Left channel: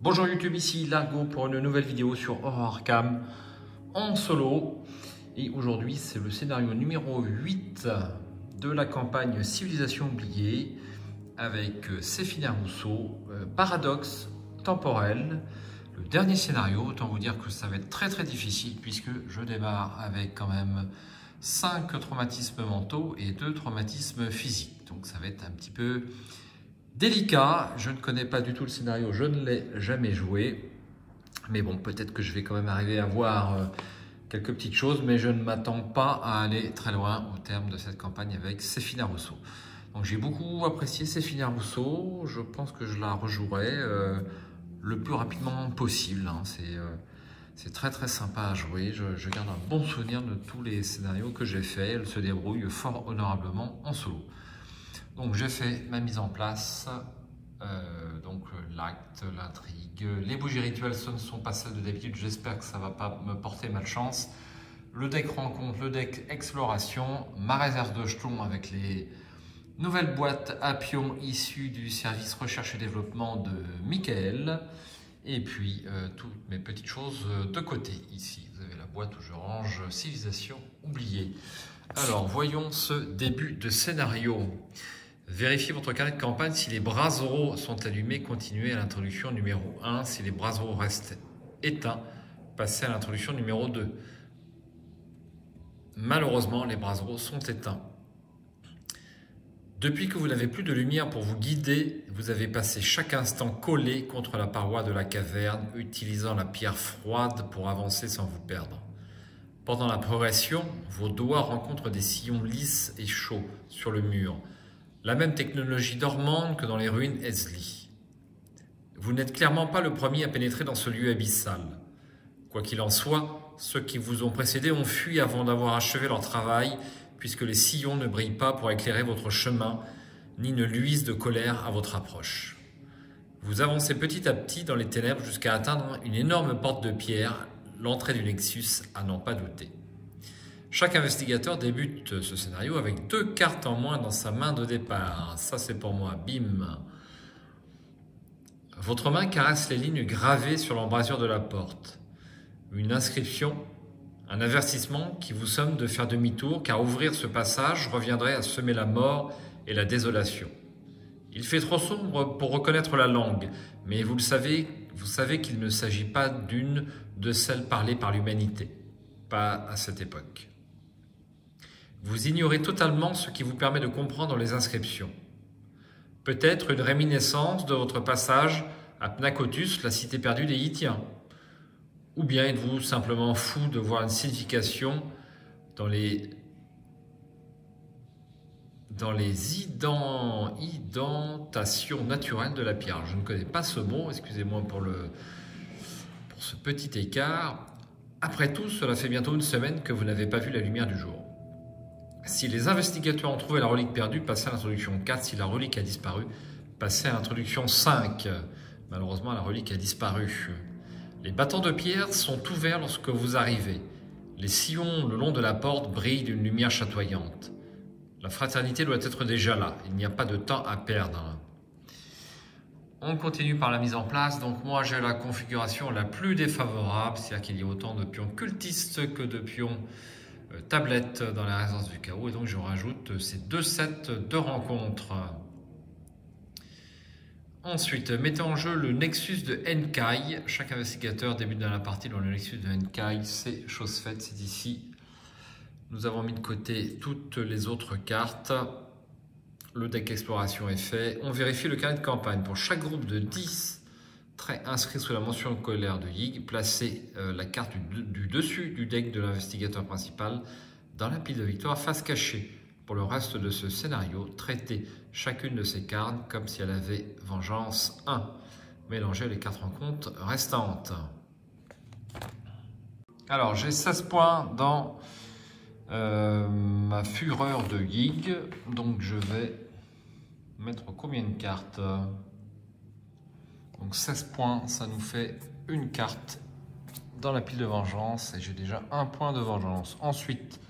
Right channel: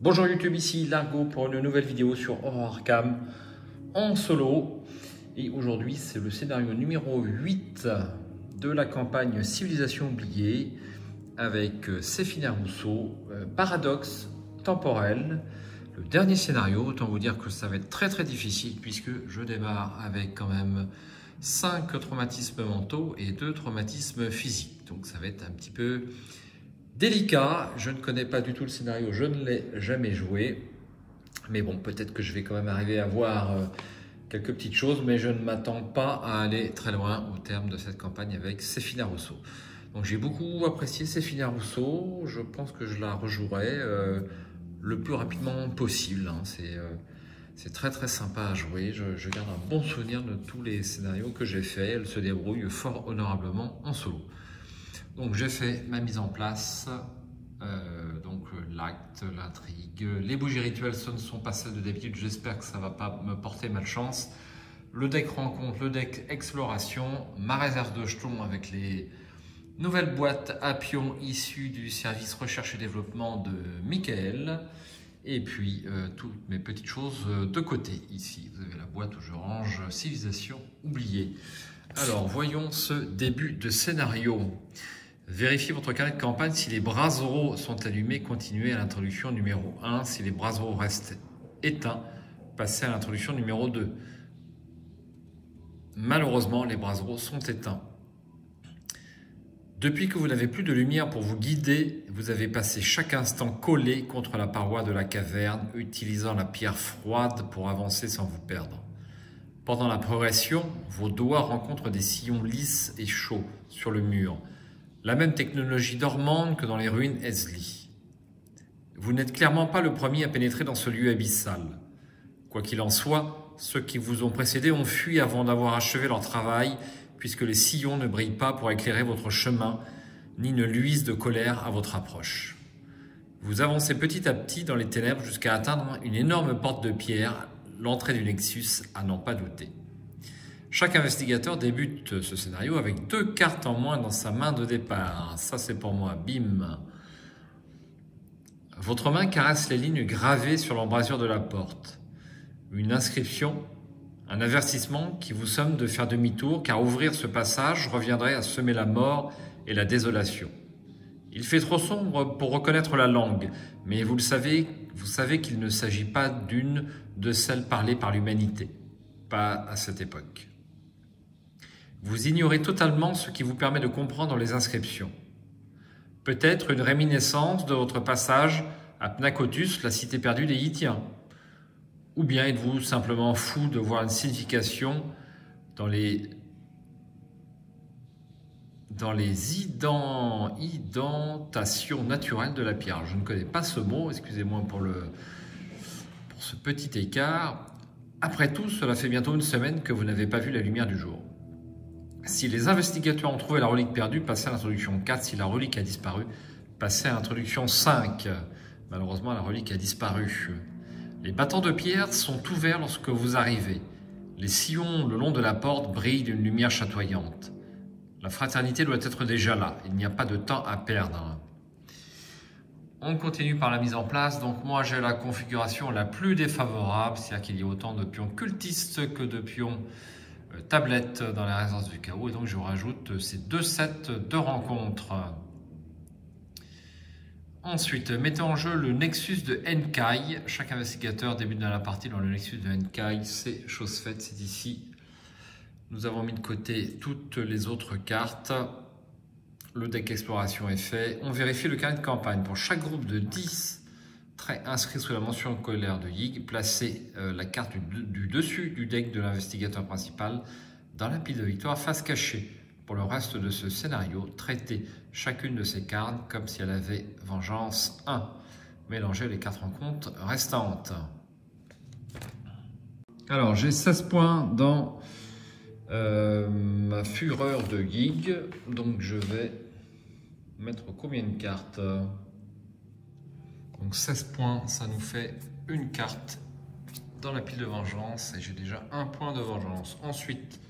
Bonjour YouTube, ici Largo pour une nouvelle vidéo sur Horror Arkham en solo. Et aujourd'hui, c'est le scénario numéro 8 de la campagne Civilisation oubliée avec Séphina Rousseau, Paradoxe temporel. Le dernier scénario, autant vous dire que ça va être très difficile puisque je démarre avec quand même 5 traumatismes mentaux et 2 traumatismes physiques. Donc ça va être un petit peu délicat. Je ne connais pas du tout le scénario, je ne l'ai jamais joué. Mais bon, peut-être que je vais quand même arriver à voir quelques petites choses, mais je ne m'attends pas à aller très loin au terme de cette campagne avec Séphina Rousseau. Donc j'ai beaucoup apprécié Séphina Rousseau, je pense que je la rejouerai le plus rapidement possible. Hein. C'est très sympa à jouer, je garde un bon souvenir de tous les scénarios que j'ai fait. Elle se débrouille fort honorablement en solo. Donc j'ai fait ma mise en place, donc l'acte, l'intrigue, les bougies rituelles, ce ne sont pas celles de d'habitude, j'espère que ça ne va pas me porter malchance. Le deck rencontre, le deck exploration, ma réserve de jetons avec les nouvelles boîtes à pions issues du service recherche et développement de Michael. Et puis toutes mes petites choses de côté. Ici, vous avez la boîte où je range Civilisation oubliée. Alors voyons ce début de scénario. Vérifiez votre carnet de campagne. Si les brassereaux sont allumés, continuez à l'introduction numéro 1. Si les brassereaux restent éteints, passez à l'introduction numéro 2. Malheureusement, les brassereaux sont éteints. Depuis que vous n'avez plus de lumière pour vous guider, vous avez passé chaque instant collé contre la paroi de la caverne, utilisant la pierre froide pour avancer sans vous perdre. Pendant la progression, vos doigts rencontrent des sillons lisses et chauds sur le mur. La même technologie dormante que dans les ruines Esli. Vous n'êtes clairement pas le premier à pénétrer dans ce lieu abyssal. Quoi qu'il en soit, ceux qui vous ont précédé ont fui avant d'avoir achevé leur travail, puisque les sillons ne brillent pas pour éclairer votre chemin, ni ne luisent de colère à votre approche. Vous avancez petit à petit dans les ténèbres jusqu'à atteindre une énorme porte de pierre, l'entrée du Nexus à n'en pas douter. Chaque investigateur débute ce scénario avec 2 cartes en moins dans sa main de départ. Ça, c'est pour moi. Bim. Votre main caresse les lignes gravées sur l'embrasure de la porte. Une inscription, un avertissement qui vous somme de faire demi-tour, car ouvrir ce passage reviendrait à semer la mort et la désolation. Il fait trop sombre pour reconnaître la langue, mais vous savez qu'il ne s'agit pas d'une de celles parlées par l'humanité. Pas à cette époque. Vous ignorez totalement ce qui vous permet de comprendre les inscriptions. Peut-être une réminiscence de votre passage à Pnakotus, la cité perdue des Yithiens. Ou bien êtes-vous simplement fou de voir une signification dans les indentations naturelles de la pierre. Je ne connais pas ce mot, excusez-moi pour ce petit écart. Après tout, cela fait bientôt une semaine que vous n'avez pas vu la lumière du jour. Si les investigateurs ont trouvé la relique perdue, passez à l'introduction 4. Si la relique a disparu, passez à l'introduction 5. Malheureusement, la relique a disparu. Les battants de pierre sont ouverts lorsque vous arrivez. Les sillons le long de la porte brillent d'une lumière chatoyante. La fraternité doit être déjà là. Il n'y a pas de temps à perdre. On continue par la mise en place. Donc moi, j'ai la configuration la plus défavorable, c'est-à-dire qu'il y a autant de pions cultistes que de pions tablettes dans la résidence du chaos. Et donc, je rajoute ces 2 sets de rencontres. Ensuite, mettez en jeu le Nexus de Enkai. Chaque investigateur débute dans la partie dans le Nexus de Enkai. C'est chose faite, c'est ici. Nous avons mis de côté toutes les autres cartes. Le deck exploration est fait. On vérifie le carnet de campagne. Pour chaque groupe de 10 traits inscrits sous la mention colère de Yig, placez la carte du dessus du deck de l'investigateur principal dans la pile de victoire face cachée. Pour le reste de ce scénario, traitez chacune de ces cartes comme si elle avait vengeance 1. Mélangez les 4 rencontres restantes. Alors, j'ai 16 points dans ma fureur de Yig. Donc, je vais mettre combien de cartes ? Donc 16 points, ça nous fait une carte dans la pile de vengeance et j'ai déjà un point de vengeance. Ensuite,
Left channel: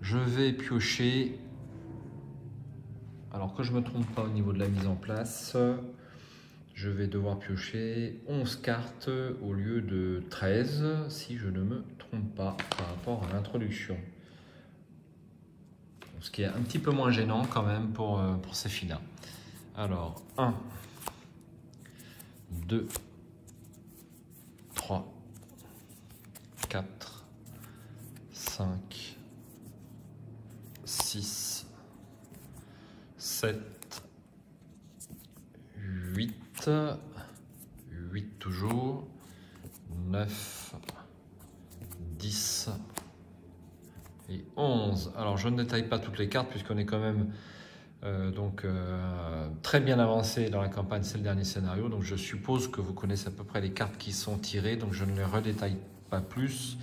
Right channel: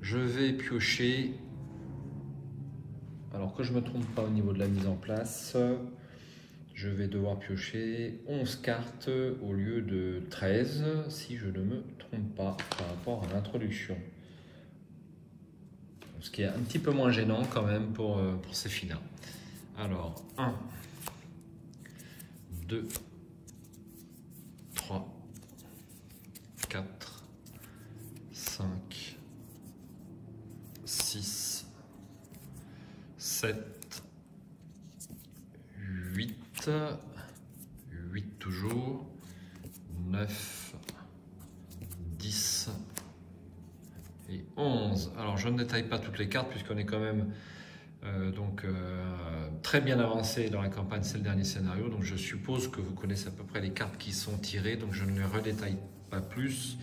je vais piocher, alors que je ne me trompe pas au niveau de la mise en place, je vais devoir piocher 11 cartes au lieu de 13, si je ne me trompe pas, par rapport à l'introduction. Ce qui est un petit peu moins gênant quand même pour ces filles-là. Alors, 1, 2, 3, 4, 5, 6, 7, 8, 8 toujours, 9, 10 et 11. Alors je ne détaille pas toutes les cartes puisqu'on est quand même très bien avancé dans la campagne, c'est le dernier scénario, donc je suppose que vous connaissez à peu près les cartes qui sont tirées, donc je ne les redétaille pas plus.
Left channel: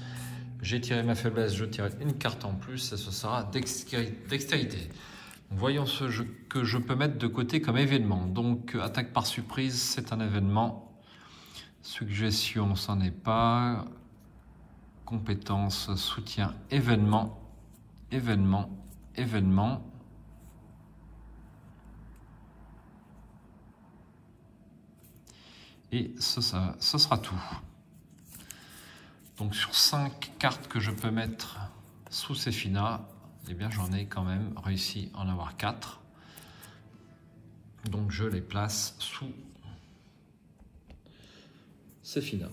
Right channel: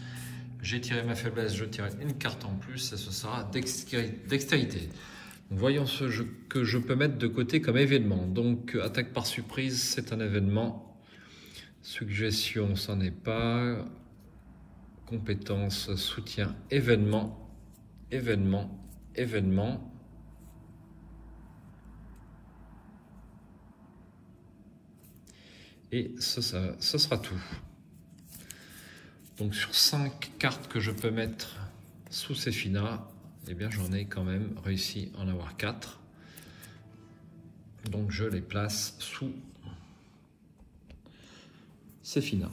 J'ai tiré ma faiblesse, je tire une carte en plus et ce sera dextérité. Voyons ce que je peux mettre de côté comme événement. Donc, attaque par surprise, c'est un événement. Suggestion, c'en est pas. Compétence, soutien, événement, événement, événement. Et ce sera tout. Donc, sur 5 cartes que je peux mettre sous ces finas, eh bien, j'en ai quand même réussi à en avoir 4. Donc, je les place sous ces finas.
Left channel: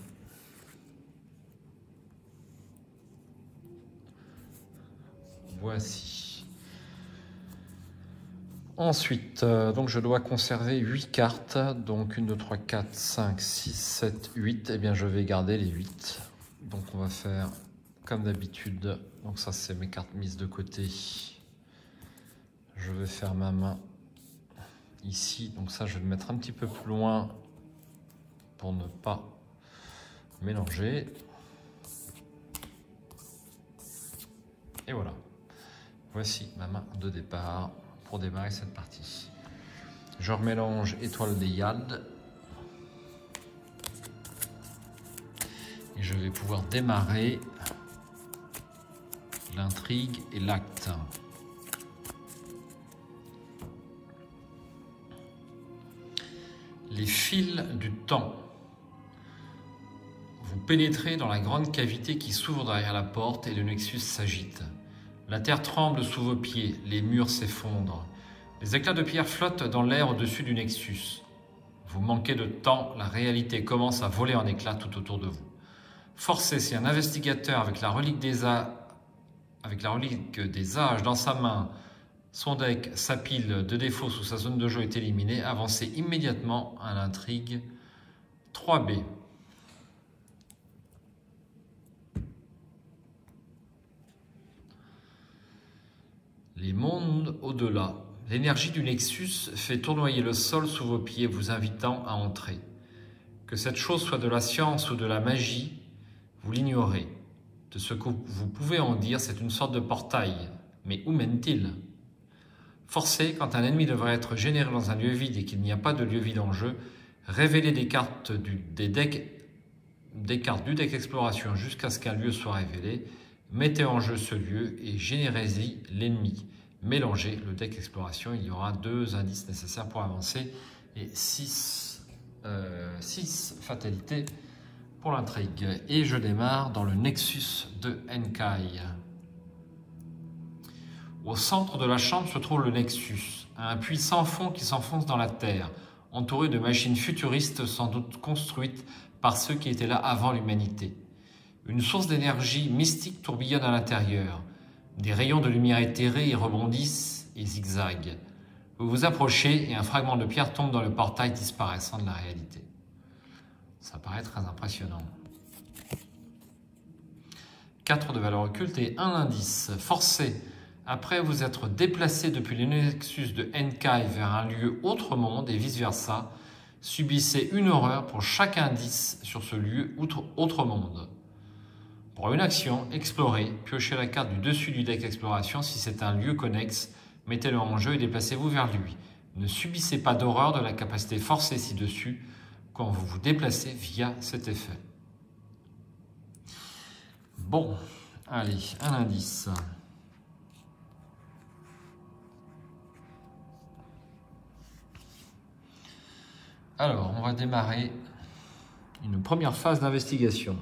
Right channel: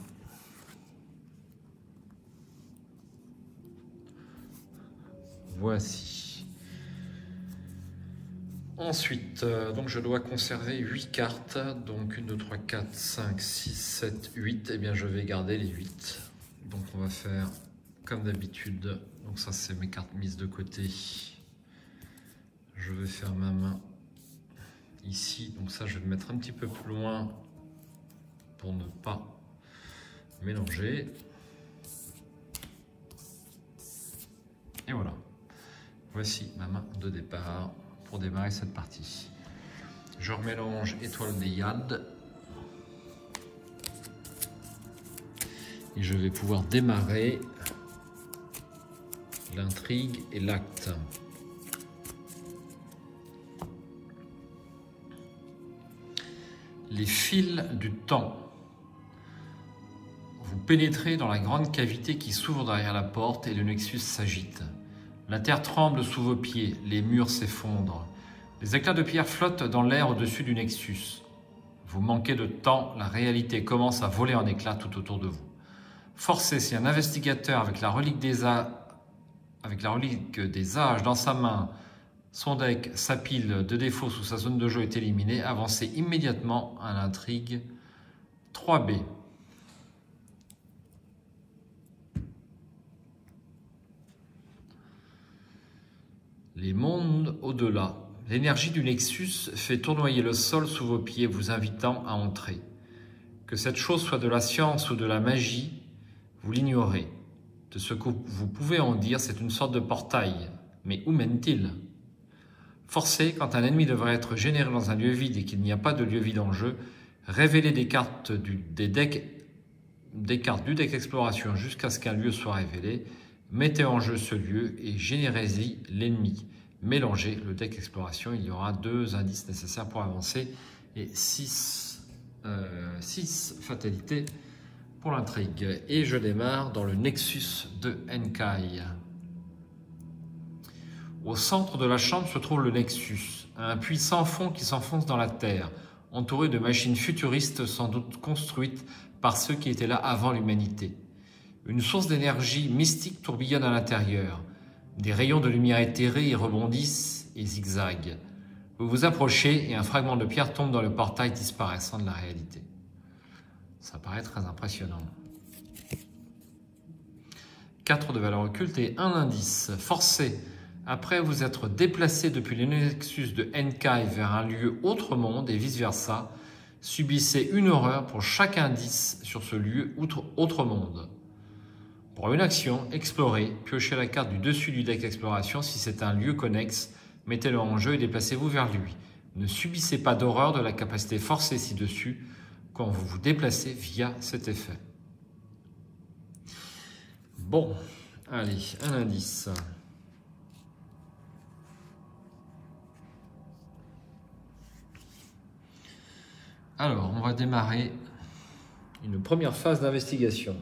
Voici. Ensuite, donc je dois conserver 8 cartes. Donc, 1, 2, 3, 4, 5, 6, 7, 8. Eh bien, je vais garder les 8. Donc, on va faire comme d'habitude. Donc ça, c'est mes cartes mises de côté. Je vais faire ma main ici. Donc ça, je vais le mettre un petit peu plus loin pour ne pas mélanger. Et voilà. Voici ma main de départ pour démarrer cette partie. Je remélange étoile des Yaldes. Et je vais pouvoir démarrer l'intrigue et l'acte. Les fils du temps. Vous pénétrez dans la grande cavité qui s'ouvre derrière la porte et le nexus s'agite. La terre tremble sous vos pieds, les murs s'effondrent. Les éclats de pierre flottent dans l'air au-dessus du nexus. Vous manquez de temps, la réalité commence à voler en éclats tout autour de vous. Forcez, si un investigateur avec la relique des âges dans sa main, son deck, sa pile de défauts sous sa zone de jeu est éliminée, avancez immédiatement à l'intrigue 3B. Les mondes au-delà. L'énergie du Nexus fait tournoyer le sol sous vos pieds, vous invitant à entrer. Que cette chose soit de la science ou de la magie, vous l'ignorez. De ce que vous pouvez en dire, c'est une sorte de portail. Mais où mène-t-il? Forcez, quand un ennemi devrait être généré dans un lieu vide et qu'il n'y a pas de lieu vide en jeu, révélez des cartes du deck exploration jusqu'à ce qu'un lieu soit révélé. Mettez en jeu ce lieu et générez-y l'ennemi. Mélangez le deck exploration. Il y aura 2 indices nécessaires pour avancer et 6 fatalités pour l'intrigue. Et je démarre dans le Nexus de Enkai. Au centre de la chambre se trouve le Nexus, un puits sans fond qui s'enfonce dans la terre, entouré de machines futuristes sans doute construites par ceux qui étaient là avant l'humanité. Une source d'énergie mystique tourbillonne à l'intérieur. Des rayons de lumière éthérés y rebondissent et zigzaguent. Vous vous approchez et un fragment de pierre tombe dans le portail disparaissant de la réalité. Ça paraît très impressionnant. 4 de valeur occulte et 1 indice. Forcez, après vous être déplacé depuis le Nexus de Enkai vers un lieu autre monde et vice-versa, subissez une horreur pour chaque indice sur ce lieu autre monde. Pour une action, explorez, piochez la carte du dessus du deck exploration. Si c'est un lieu connexe, mettez-le en jeu et déplacez-vous vers lui. Ne subissez pas d'horreur de la capacité forcée ci-dessus quand vous vous déplacez via cet effet. Bon, allez, un indice. Alors, on va démarrer une première phase d'investigation.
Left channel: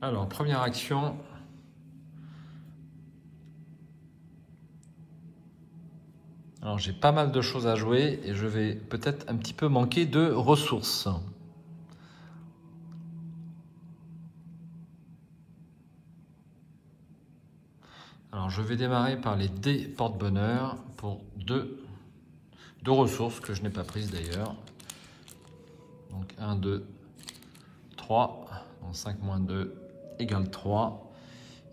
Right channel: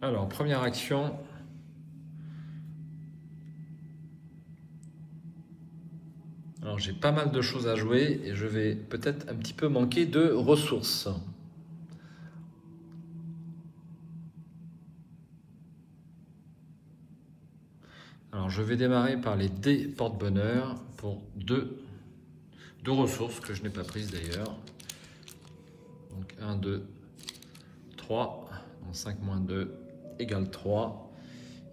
Alors, première action. Alors, j'ai pas mal de choses à jouer et je vais peut-être un petit peu manquer de ressources. Alors, je vais démarrer par les dés porte-bonheur pour deux ressources que je n'ai pas prises d'ailleurs. Donc, 1, 2, 3. Donc, 5 moins 2 égale 3.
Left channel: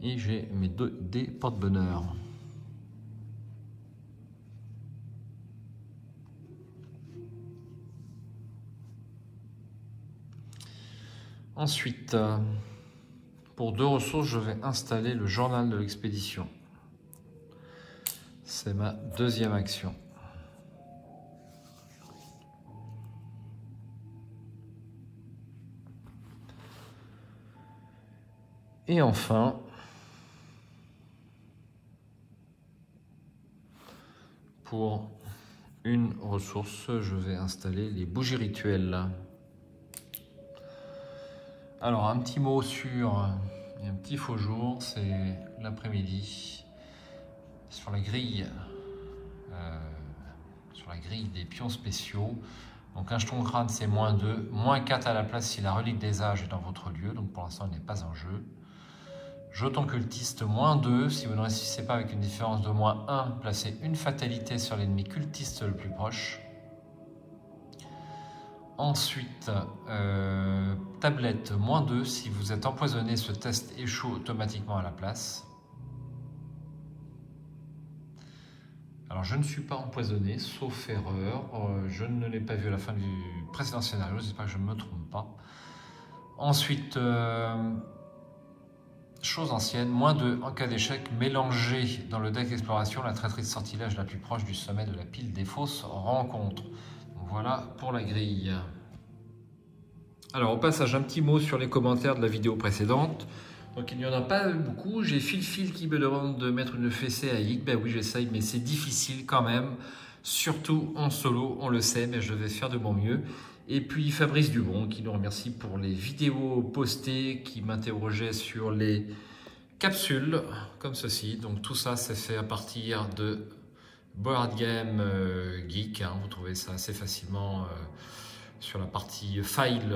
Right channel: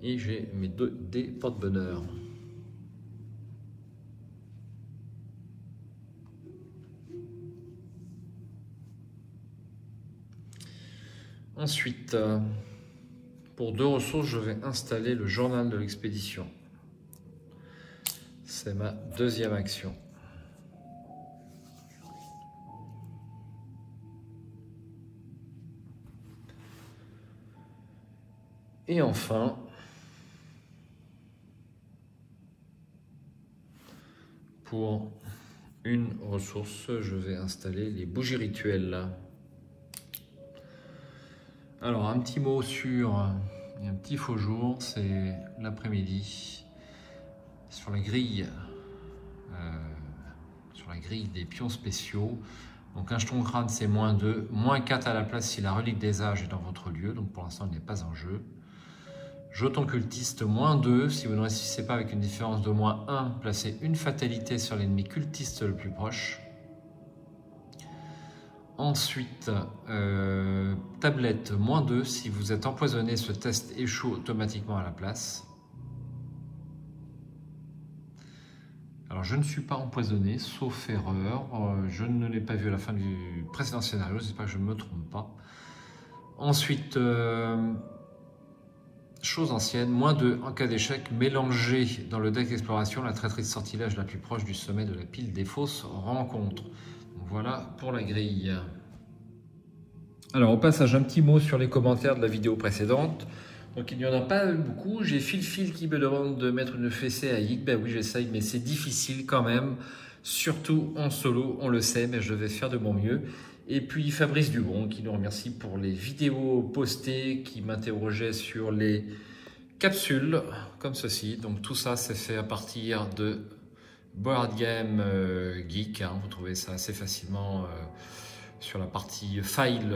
Et j'ai mes deux dés porte-bonheur. Ensuite, pour deux ressources, je vais installer le journal de l'expédition. C'est ma deuxième action. Et enfin, pour une ressource, je vais installer les bougies rituelles. Alors, un petit mot sur un petit faux jour, c'est l'après-midi. Sur la grille des pions spéciaux. Donc, un jeton crâne, c'est -2, -4 à la place si la relique des âges est dans votre lieu. Donc, pour l'instant, il n'est pas en jeu. Jeton cultiste, -2. Si vous ne réussissez pas avec une différence de -1, placez une fatalité sur l'ennemi cultiste le plus proche. Ensuite, tablette, -2. Si vous êtes empoisonné, ce test échoue automatiquement à la place. Alors, je ne suis pas empoisonné, sauf erreur. Je ne l'ai pas vu à la fin du précédent scénario, j'espère que je ne me trompe pas. Ensuite, chose ancienne, -2. En cas d'échec, mélangez dans le deck exploration la traîtrise de sortilège la plus proche du sommet de la pile des fausses rencontres. Voilà pour la grille. Alors, au passage, un petit mot sur les commentaires de la vidéo précédente. Donc, il n'y en a pas beaucoup. J'ai Phil qui me demande de mettre une fessée à Yig. Ben oui, j'essaye, mais c'est difficile quand même. Surtout en solo, on le sait, mais je vais faire de mon mieux. Et puis Fabrice Dubon qui nous remercie pour les vidéos postées, qui m'interrogeait sur les capsules, comme ceci. Donc, tout ça, c'est fait à partir de Board Game Geek. Hein. Vous trouvez ça assez facilement sur la partie file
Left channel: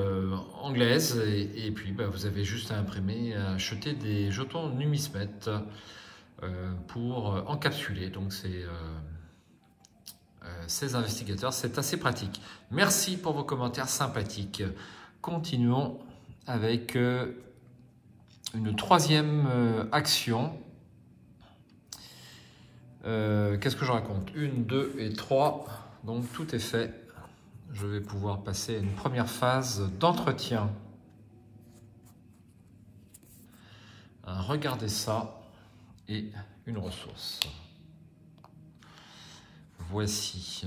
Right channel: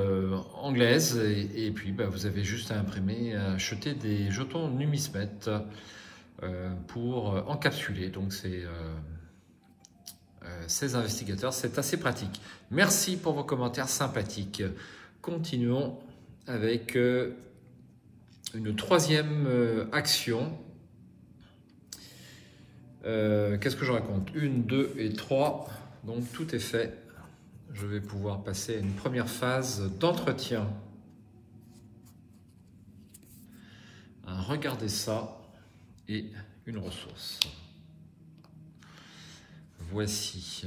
anglaise et puis vous avez juste à imprimer, à acheter des jetons Numismet pour encapsuler donc ces investigateurs. C'est assez pratique. Merci pour vos commentaires sympathiques. Continuons avec une troisième action. Qu'est-ce que je raconte? 1, 2 et 3, donc tout est fait. Je vais pouvoir passer à une première phase d'entretien. Regardez ça et une ressource. Voici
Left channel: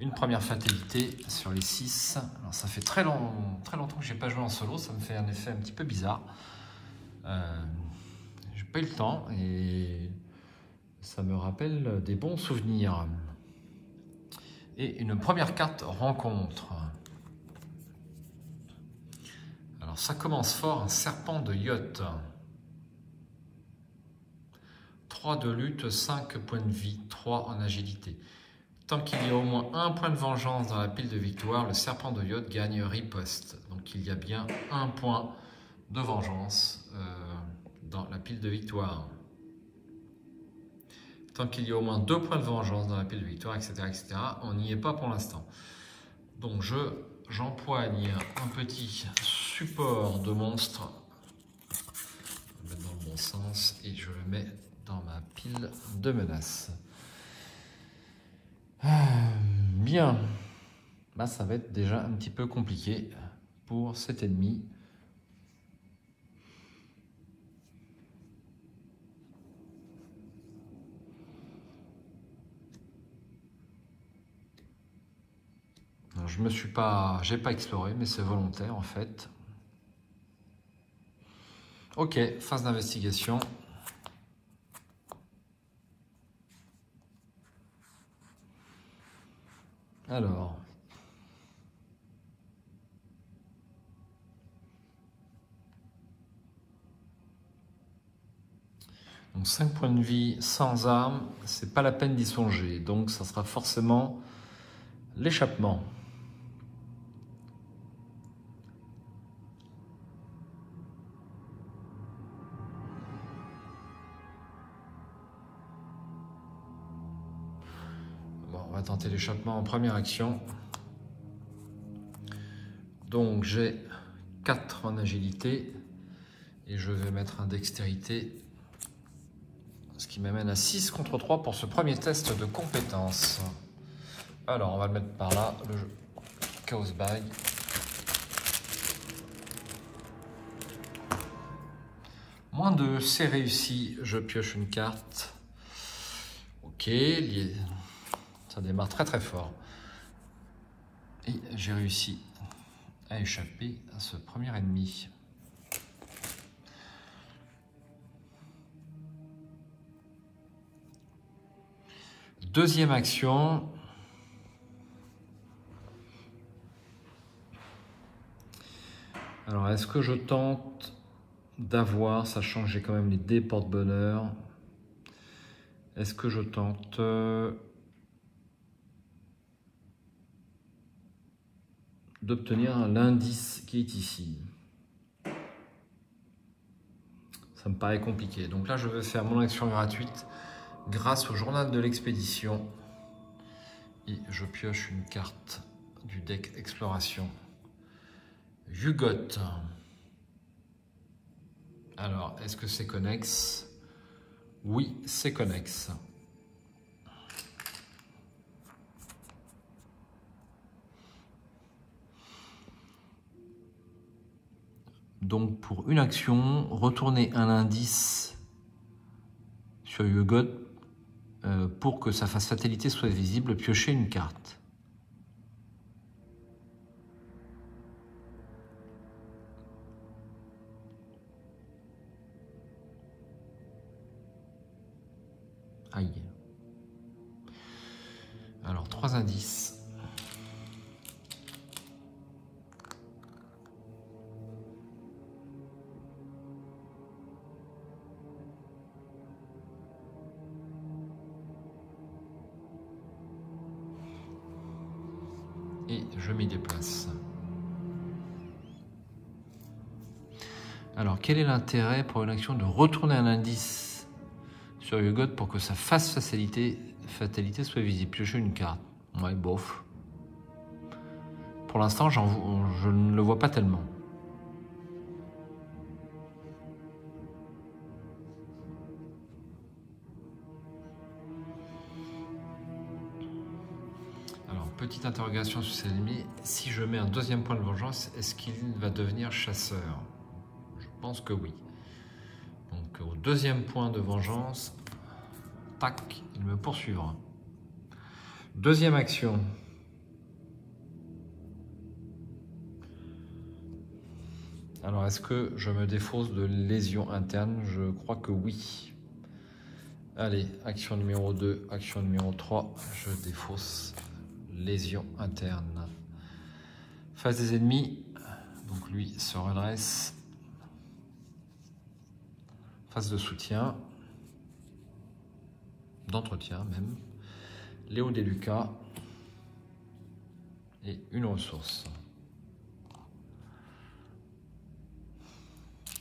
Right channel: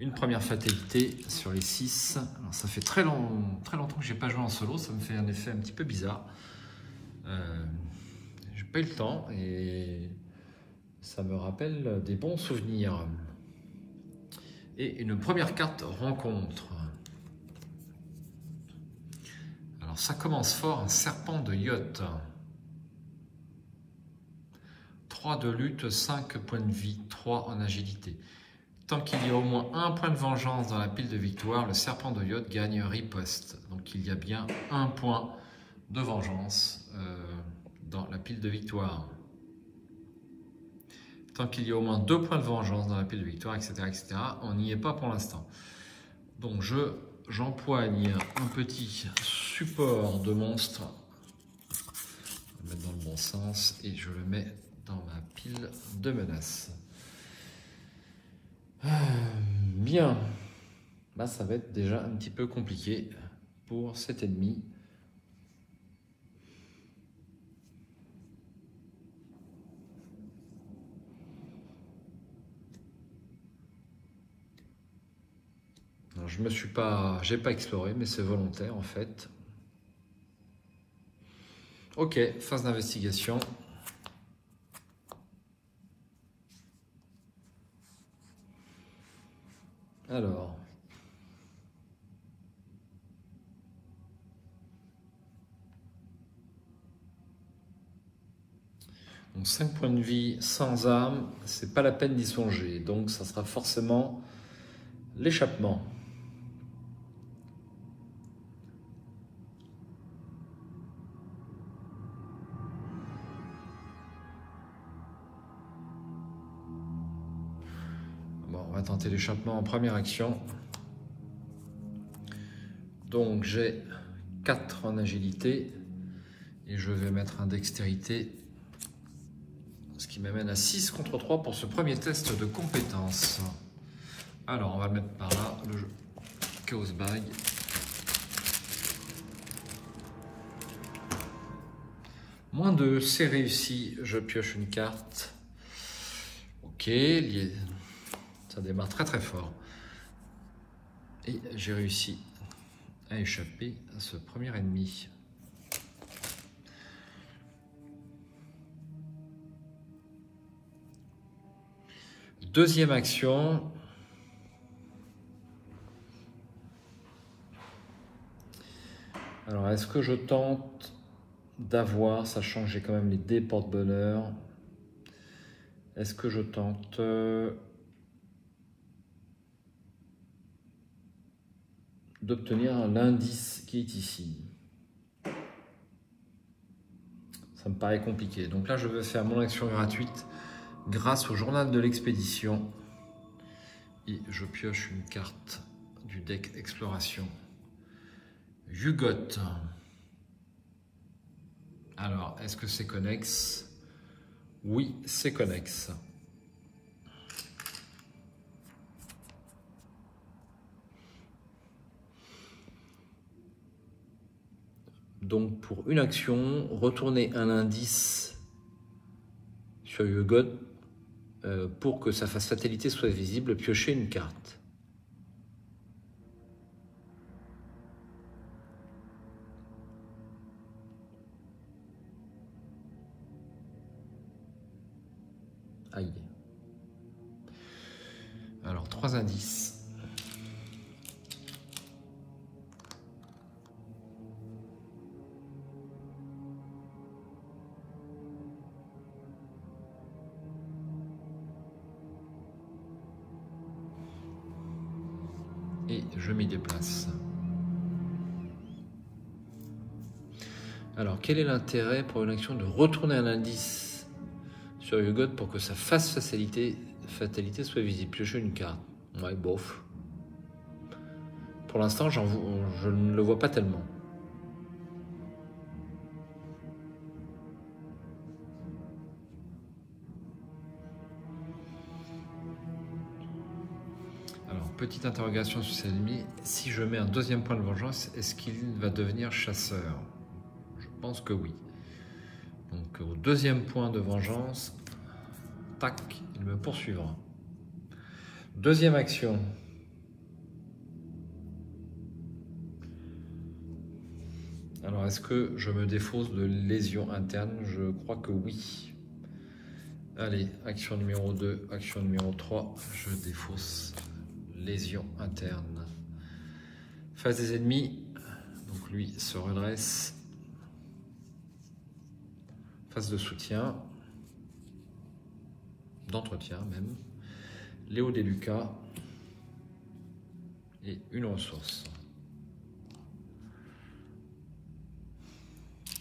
une première fatalité sur les 6. Alors ça fait très longtemps que je n'ai pas joué en solo, ça me fait un effet un petit peu bizarre. J'ai pas eu le temps et ça me rappelle des bons souvenirs. Et une première carte rencontre. Alors ça commence fort, un serpent de yacht. 3 de lutte, 5 points de vie, 3 en agilité. Tant qu'il y a au moins un point de vengeance dans la pile de victoire, le serpent de yacht gagne riposte. Donc il y a bien un point de vengeance dans la pile de victoire. Tant qu'il y a au moins 2 points de vengeance dans la pile de victoire, etc., etc., on n'y est pas pour l'instant. Donc j'empoigne un petit support de monstre, je vais le mettre dans le bon sens, et je le mets dans ma pile de menaces. Bien, là ça va être déjà un petit peu compliqué pour cet ennemi. J'ai pas exploré, mais c'est volontaire en fait. Ok, phase d'investigation. Alors. Donc 5 points de vie sans arme, c'est pas la peine d'y songer. Donc ça sera forcément l'échappement. Bon, on va tenter l'échappement en première action. Donc j'ai 4 en agilité et je vais mettre un dextérité, ce qui m'amène à 6 contre 3 pour ce premier test de compétence. Alors on va le mettre par là, le jeu Chaos Bag. Moins 2, c'est réussi, je pioche une carte. Ok, ça démarre très très fort. Et j'ai réussi à échapper à ce premier ennemi. Deuxième action. Alors, est-ce que je tente d'avoir, sachant que j'ai quand même les dés porte-bonheur, est-ce que je tente d'obtenir l'indice qui est ici? Ça me paraît compliqué. Donc là, je vais faire mon action gratuite grâce au journal de l'expédition. Et je pioche une carte du deck Exploration. Yugoth. Alors, est-ce que c'est connexe? Oui, c'est connexe. Donc, pour une action, retourner un indice sur Yugoth pour que sa face fatalité soit visible, piocher une carte. Aïe. Alors, 3 indices. Et je m'y déplace. Alors, quel est l'intérêt pour une action de retourner un indice sur Yugoth pour que sa face fatalité soit visible? Piocher une carte. Ouais, bof. Pour l'instant, je ne le vois pas tellement. Alors, petite interrogation sur cet ennemi. Si je mets un deuxième point de vengeance, est-ce qu'il va devenir chasseur? Je pense que oui. Donc, au deuxième point de vengeance, tac, il me poursuivra. Deuxième action. Alors, est-ce que je me défausse de lésion interne? Je crois que oui. Allez, action numéro 2, action numéro 3, je défausse lésion interne. Face des ennemis, donc lui se redresse. Phase de soutien, d'entretien même. Léo Deluca et une ressource.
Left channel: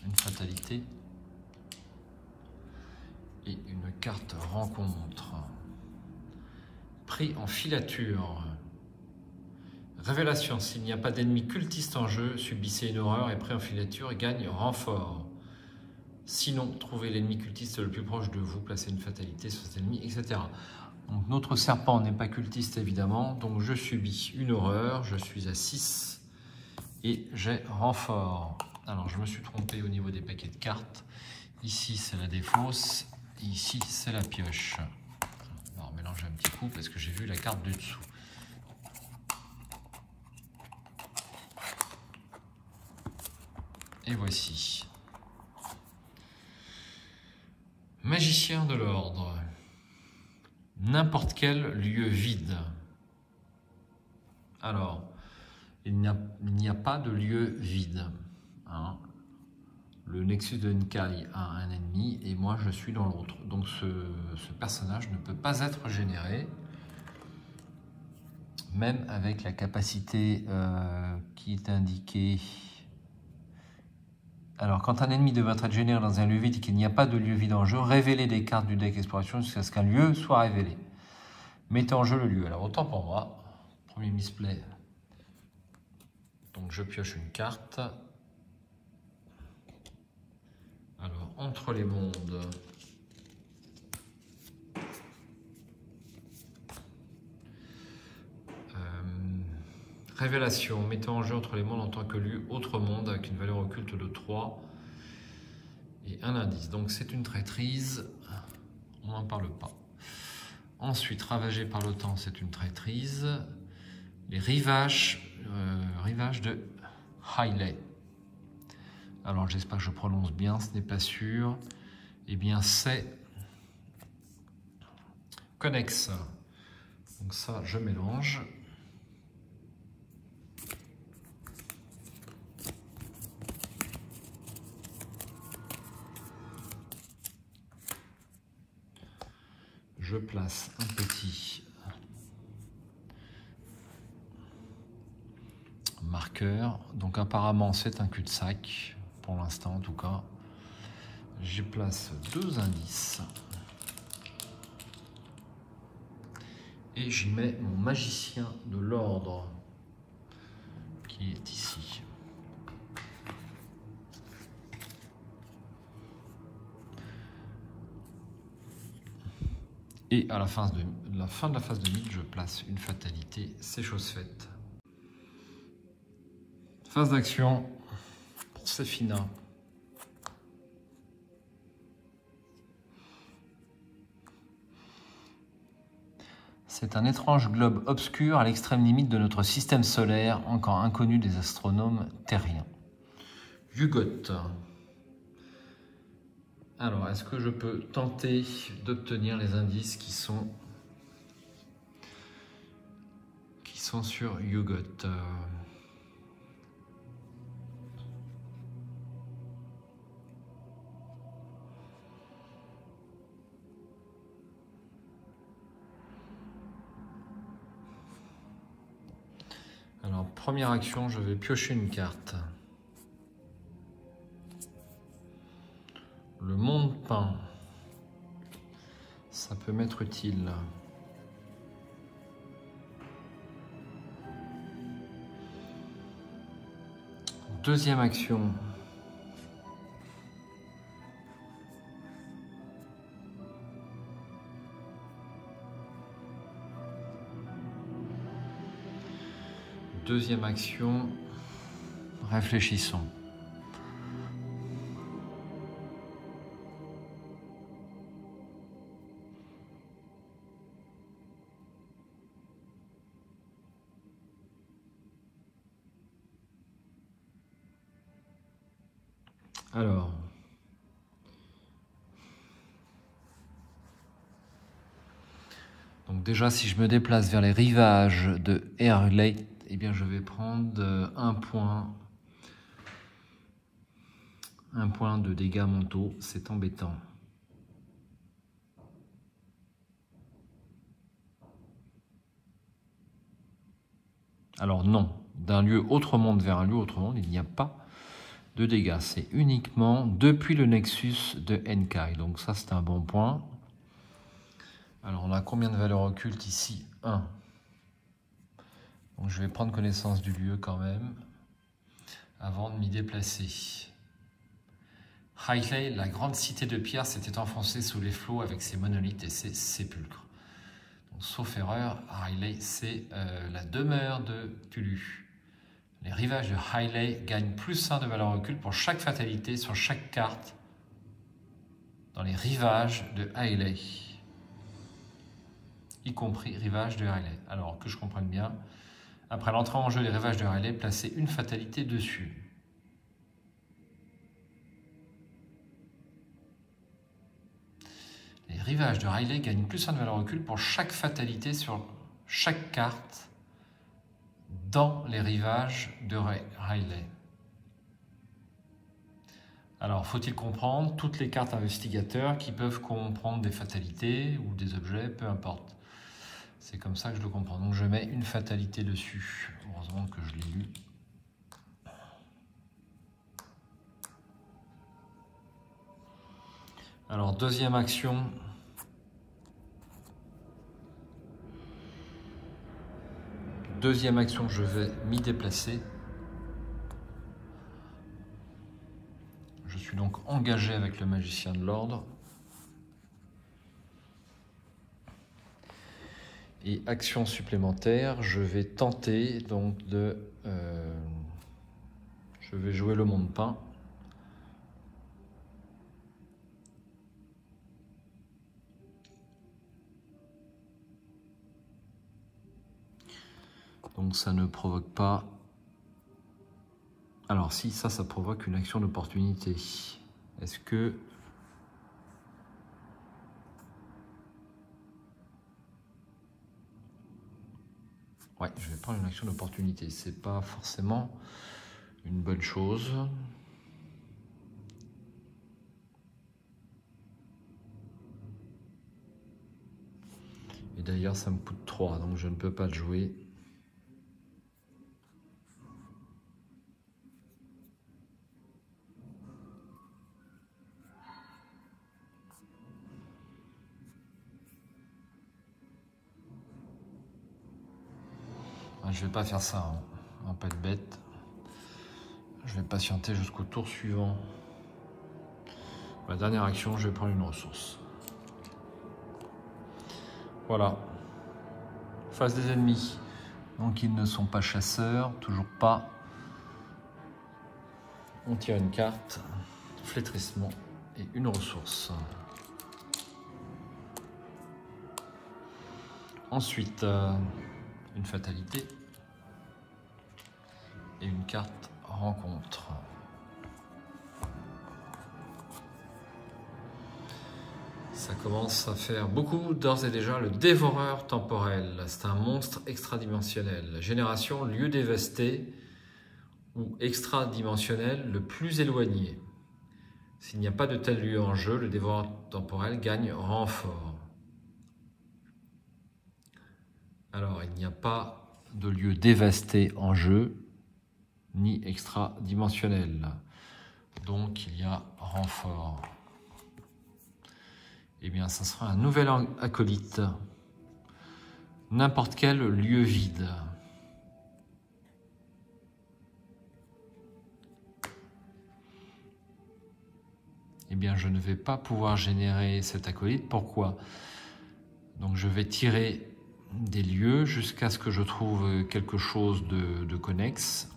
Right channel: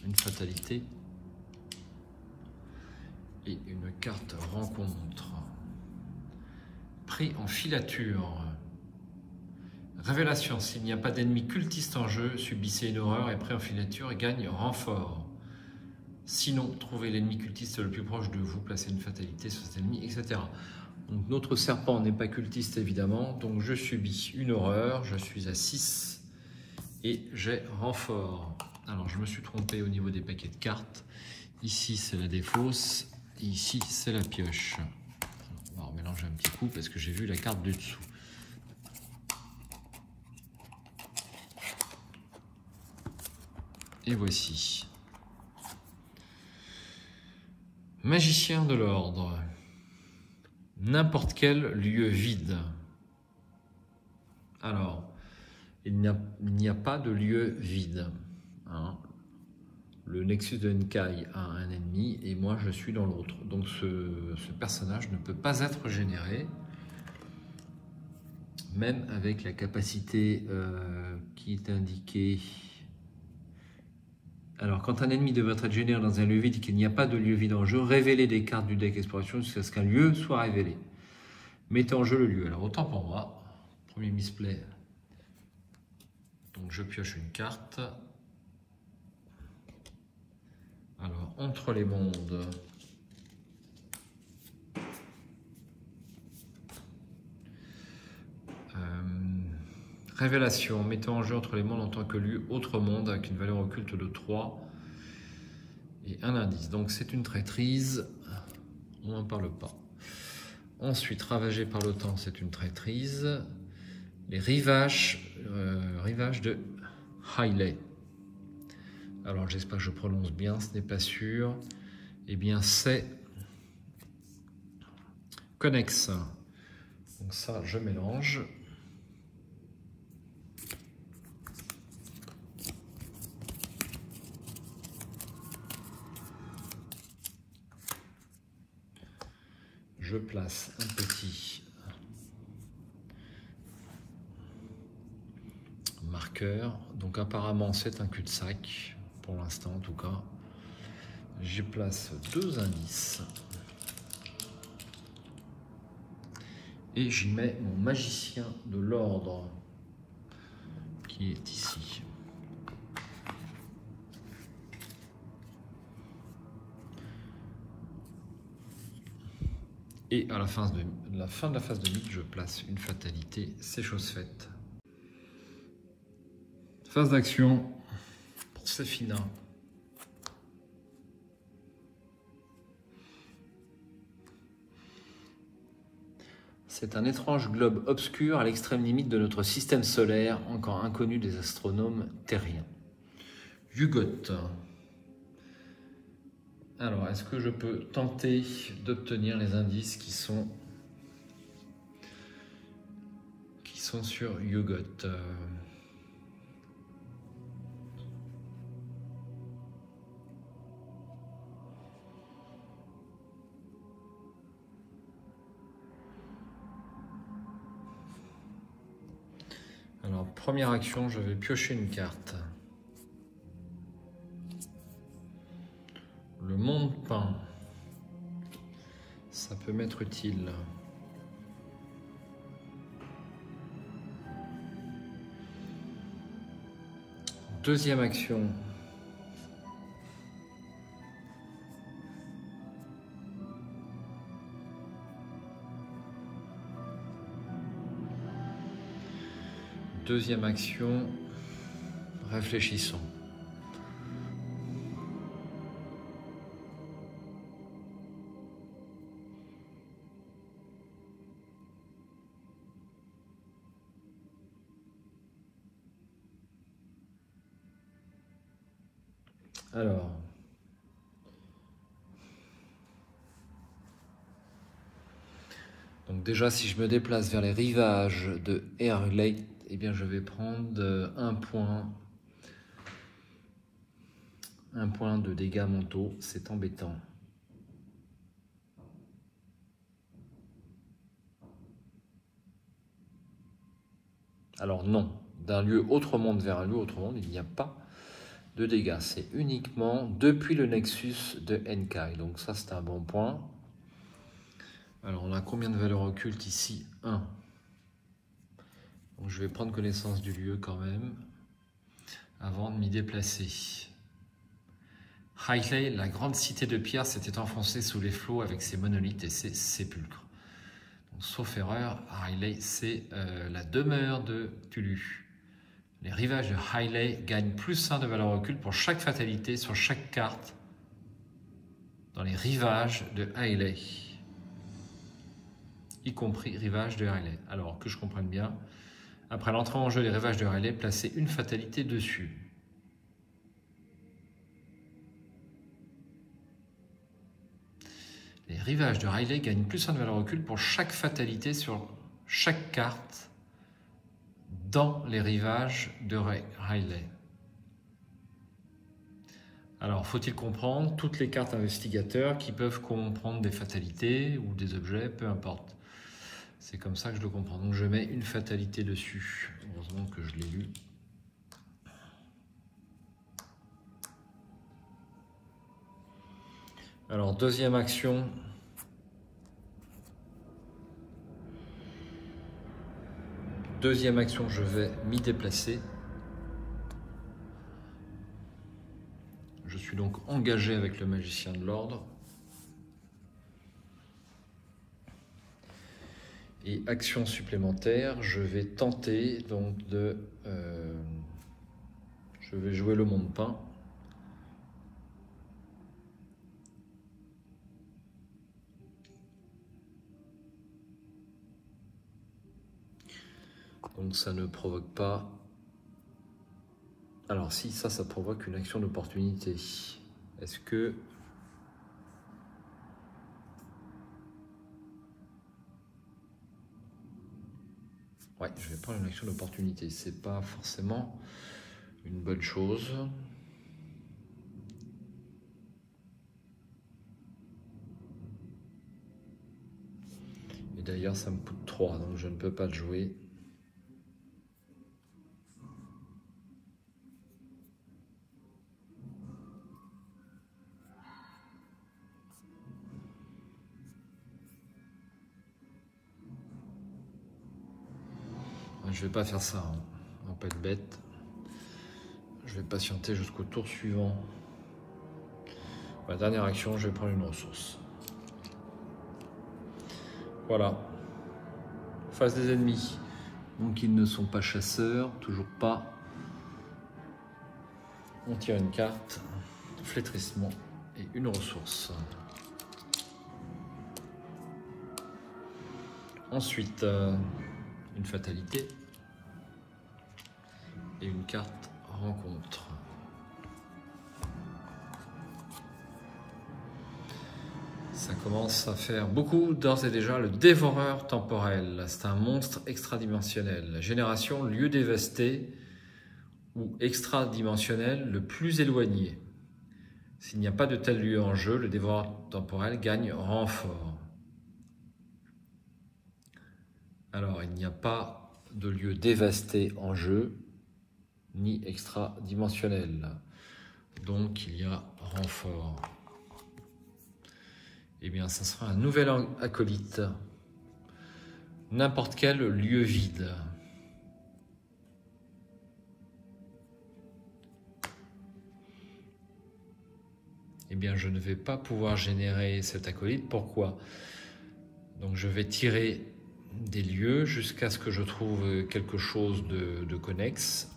Une fatalité et une carte rencontre. Pris en filature. Révélation, s'il n'y a pas d'ennemi cultiste en jeu, subissez une horreur et pris en filature et gagne renfort. Sinon, trouvez l'ennemi cultiste le plus proche de vous, placez une fatalité sur cet ennemi, etc. Donc notre serpent n'est pas cultiste évidemment, donc je subis une horreur, je suis à 6 et j'ai renfort. Alors je me suis trompé au niveau des paquets de cartes. Ici c'est la défausse, et ici c'est la pioche. On va mélanger un petit coup parce que j'ai vu la carte du dessous. Et voici. Magicien de l'ordre. N'importe quel lieu vide. Alors, il n'y a pas de lieu vide. Hein. Le Nexus de N'Kai a un ennemi et moi je suis dans l'autre. Donc ce personnage ne peut pas être généré, même avec la capacité qui est indiquée. Alors, quand un ennemi devrait être généré dans un lieu vide et qu'il n'y a pas de lieu vide en jeu, révélez des cartes du deck exploration jusqu'à ce qu'un lieu soit révélé. Mettez en jeu le lieu. Alors, autant pour moi, premier misplay. Donc, je pioche une carte. Alors, entre les mondes. Révélation, mettez en jeu entre les mondes en tant que lieu autre monde avec une valeur occulte de 3 et un indice. Donc c'est une traîtrise, on n'en parle pas. Ensuite, ravagé par le temps, c'est une traîtrise. Les rivages de Hailey. Alors j'espère que je prononce bien, ce n'est pas sûr. Eh bien c'est Connex. Donc ça, je mélange. Je place un petit marqueur. Donc apparemment c'est un cul-de-sac, pour l'instant en tout cas. Je place 2 indices. Et j'y mets mon magicien de l'ordre qui est ici. Et à la fin de la phase de mid, je place une fatalité, c'est chose faite. Phase d'action, c'est fini. C'est un étrange globe obscur à l'extrême limite de notre système solaire, encore inconnu des astronomes terriens. Yugot. Alors, est-ce que je peux tenter d'obtenir les indices qui sont sur Yugot? Alors, première action, je vais piocher une carte. Le monde peint, ça peut m'être utile. Deuxième action. Deuxième action, réfléchissons. Alors, donc déjà si je me déplace vers les rivages de Hailey, eh bien je vais prendre un point de dégâts mentaux, c'est embêtant. Alors non, d'un lieu autre monde vers un lieu autre monde, il n'y a pas de dégâts. C'est uniquement depuis le Nexus de N'Kai. Donc ça, c'est un bon point. Alors, on a combien de valeurs occultes ici? 1. Donc, je vais prendre connaissance du lieu quand même, avant de m'y déplacer. Hailey, la grande cité de pierre, s'était enfoncée sous les flots avec ses monolithes et ses sépulcres. Donc, sauf erreur, Hailey, c'est la demeure de Tulu. Les rivages de Hailey gagnent +1 de valeur occulte pour chaque fatalité sur chaque carte dans les rivages de Hailey, y compris rivages de Hailey. Alors que je comprenne bien, après l'entrée en jeu des rivages de Hailey, placez une fatalité dessus. rivages de Riley gagnent +1 de valeur occulte pour chaque fatalité sur chaque carte dans les rivages de Riley. Alors, faut-il comprendre toutes les cartes investigateurs qui peuvent comprendre des fatalités ou des objets, peu importe. C'est comme ça que je le comprends. Donc, je mets une fatalité dessus. Heureusement que je l'ai lu. Alors, deuxième action. Deuxième action, je vais m'y déplacer. Je suis donc engagé avec le magicien de l'ordre. Et action supplémentaire, je vais tenter donc de... je vais jouer le monde peint. Donc ça ne provoque pas... Alors si, ça provoque une action d'opportunité. Est-ce que... Ouais, je vais prendre une action d'opportunité. C'est pas forcément une bonne chose. Et d'ailleurs, ça me coûte 3, donc je ne peux pas le jouer. Je vais pas faire ça, hein. On va pas être bête. Je vais patienter jusqu'au tour suivant. Ma dernière action, je vais prendre une ressource. Voilà. Face des ennemis. Donc ils ne sont pas chasseurs, toujours pas. On tire une carte, flétrissement et une ressource. Ensuite, une fatalité. Et une carte rencontre. Ça commence à faire beaucoup d'ores et déjà. Le dévoreur temporel, c'est un monstre extradimensionnel. Génération, lieu dévasté ou extradimensionnel le plus éloigné. S'il n'y a pas de tel lieu en jeu, le dévoreur temporel gagne renfort. Alors, il n'y a pas de lieu dévasté en jeu, ni extra-dimensionnel. Donc, il y a renfort. Eh bien, ça sera un nouvel acolyte. N'importe quel lieu vide. Eh bien, je ne vais pas pouvoir générer cet acolyte. Pourquoi? Donc, je vais tirer des lieux jusqu'à ce que je trouve quelque chose de connexe.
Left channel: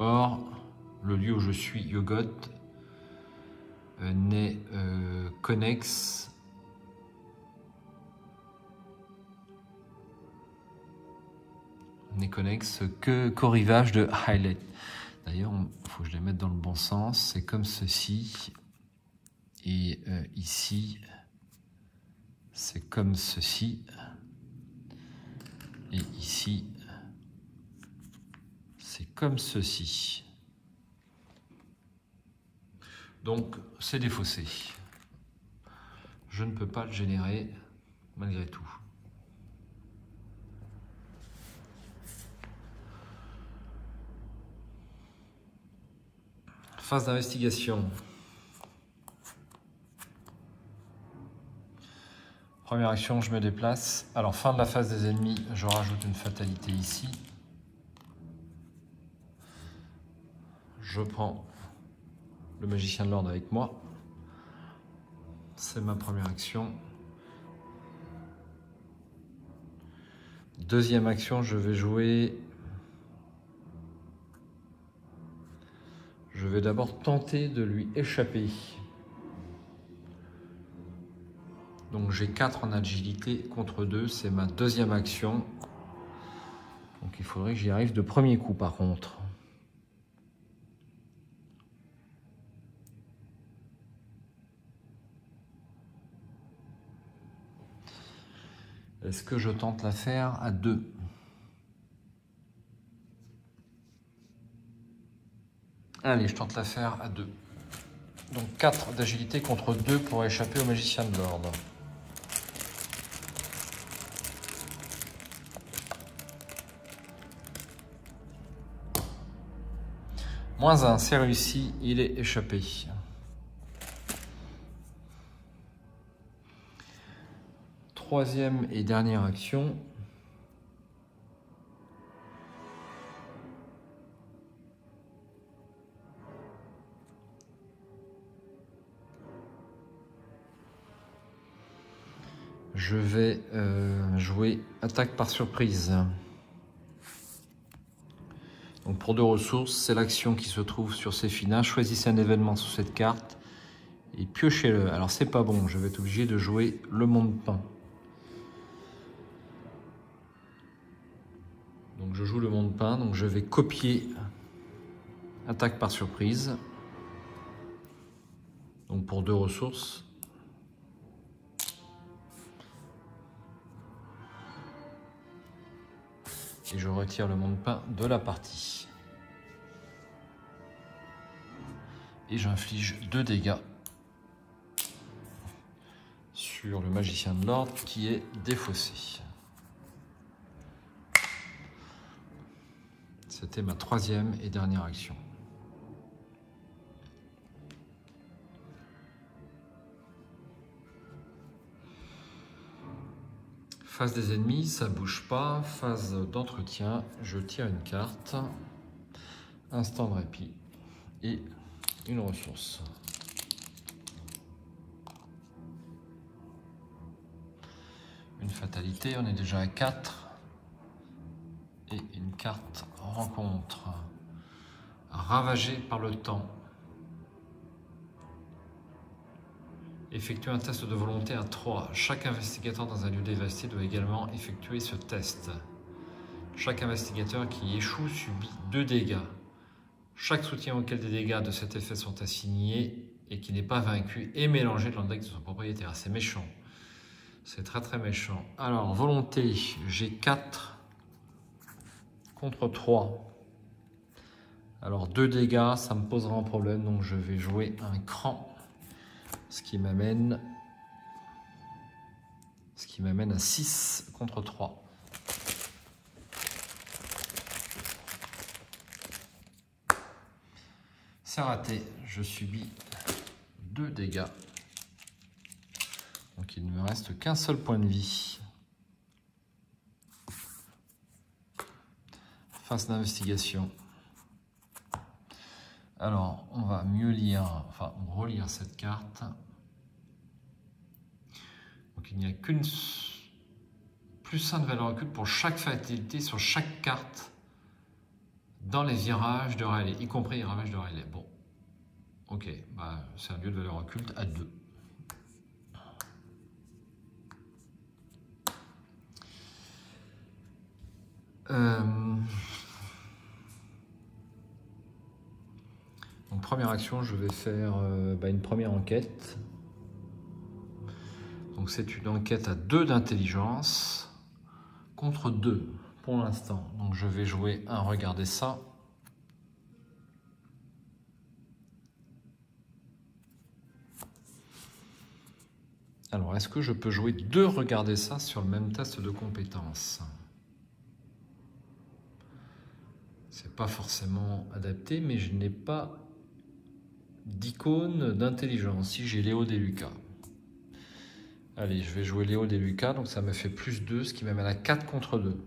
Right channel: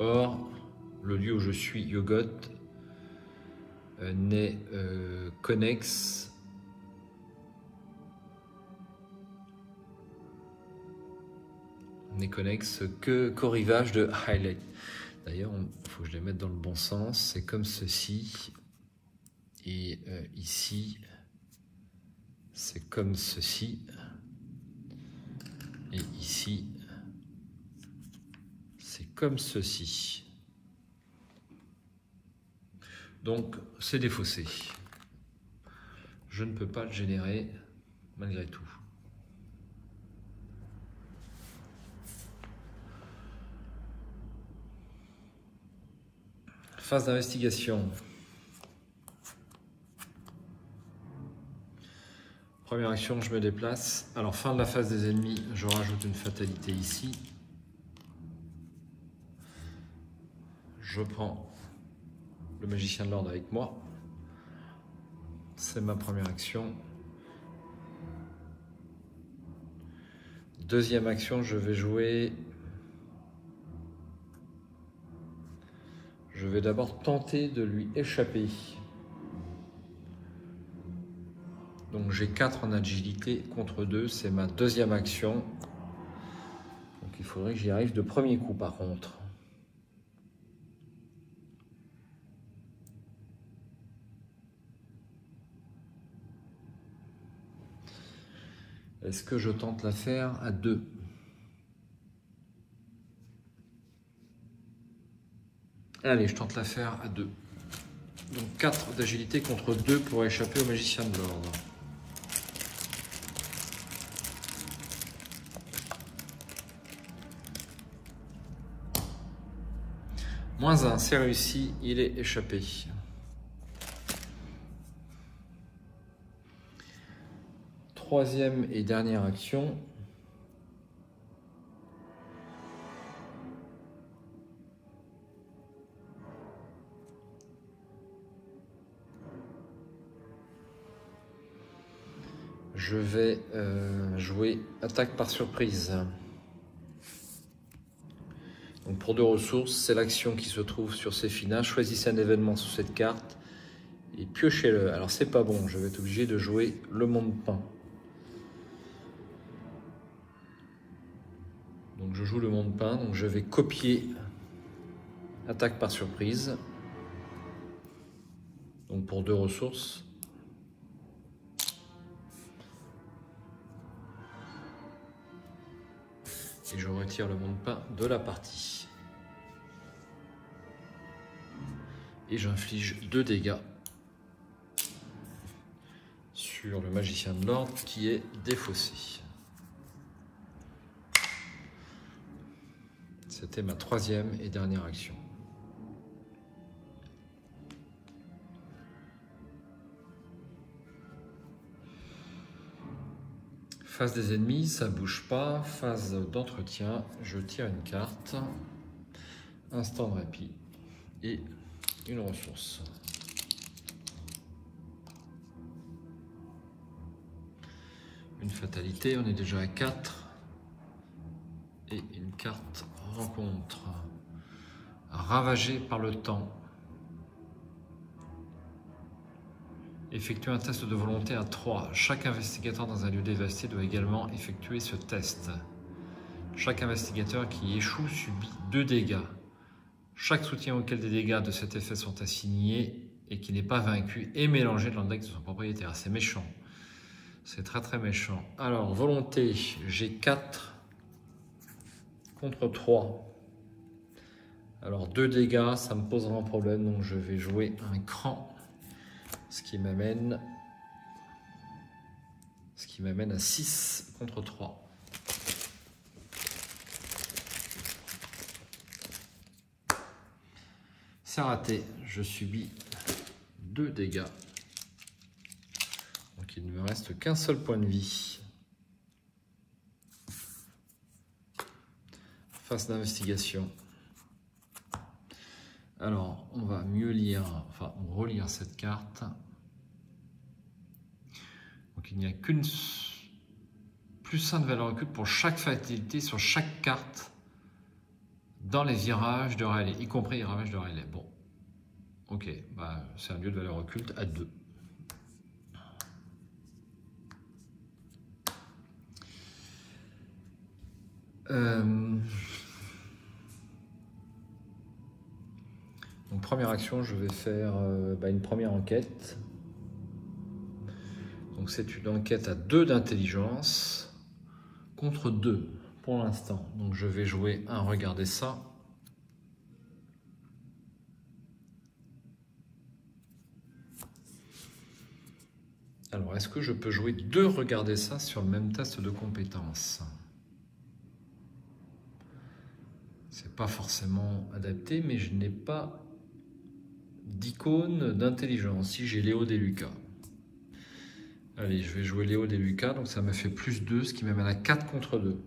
Or, le lieu où je suis, Yoggoth, n'est connexe qu'au rivage de Riley. D'ailleurs, il faut que je les mette dans le bon sens. C'est comme ceci. Et ici, c'est comme ceci. Et ici, c'est comme ceci. Donc, c'est défaussé. Je ne peux pas le générer malgré tout. Phase d'investigation. Première action, je me déplace. Alors, fin de la phase des ennemis, je rajoute une fatalité ici. Je prends le magicien de l'ordre avec moi. C'est ma première action. Deuxième action, je vais jouer... Je vais d'abord tenter de lui échapper. Donc j'ai 4 en agilité contre 2, c'est ma deuxième action. Donc il faudrait que j'y arrive de premier coup par contre. Est-ce que je tente l'affaire à 2? Allez, je tente l'affaire à 2. Donc 4 d'agilité contre 2 pour échapper au magicien de l'ordre. -1, c'est réussi, il est échappé. Troisième et dernière action. Je vais jouer attaque par surprise. Donc pour 2 ressources, c'est l'action qui se trouve sur ces finales. Choisissez un événement sous cette carte et piochez-le. Alors c'est pas bon, je vais être obligé de jouer le monde peint. Donc je joue le monde peint, donc je vais copier attaque par surprise. Donc pour 2 ressources. Et je retire le monde peint de la partie. Et j'inflige 2 dégâts sur le magicien de l'ordre qui est défaussé. C'était ma troisième et dernière action. Phase des ennemis, ça bouge pas. Phase d'entretien, je tire une carte. Instant de répit et une ressource. Une fatalité, on est déjà à 4. Et une carte rencontre. Ravagé par le temps. Effectuer un test de volonté à 3. Chaque investigateur dans un lieu dévasté doit également effectuer ce test. Chaque investigateur qui échoue subit 2 dégâts. Chaque soutien auquel des dégâts de cet effet sont assignés et qui n'est pas vaincu est mélangé dans le deck de son propriétaire. C'est méchant. C'est très très méchant. Alors, volonté, j'ai 4 contre 3. Alors, 2 dégâts, ça me posera un problème, donc je vais jouer un cran. Ce qui m'amène à 6 contre 3. C'est raté, je subis 2 dégâts. Donc il ne me reste qu'un seul point de vie. Phase d'investigation. Alors, on va mieux lire, enfin relire cette carte. Donc il n'y a qu'une +1 de valeur occulte pour chaque fatalité sur chaque carte dans les virages de Rayleigh, y compris les ravages de Rayleigh. Bon, ok, bah, c'est un lieu de valeur occulte à 2. Donc première action, je vais faire une première enquête. Donc c'est une enquête à 2 d'intelligence contre 2 pour l'instant. Donc je vais jouer un regarder ça. Alors est-ce que je peux jouer 2 regarder ça sur le même test de compétence? C'est pas forcément adapté, mais je n'ai pas d'icône d'intelligence. Si j'ai Léo Deluca. Allez, je vais jouer Léo Deluca, donc ça me fait +2, ce qui m'amène à 4 contre 2.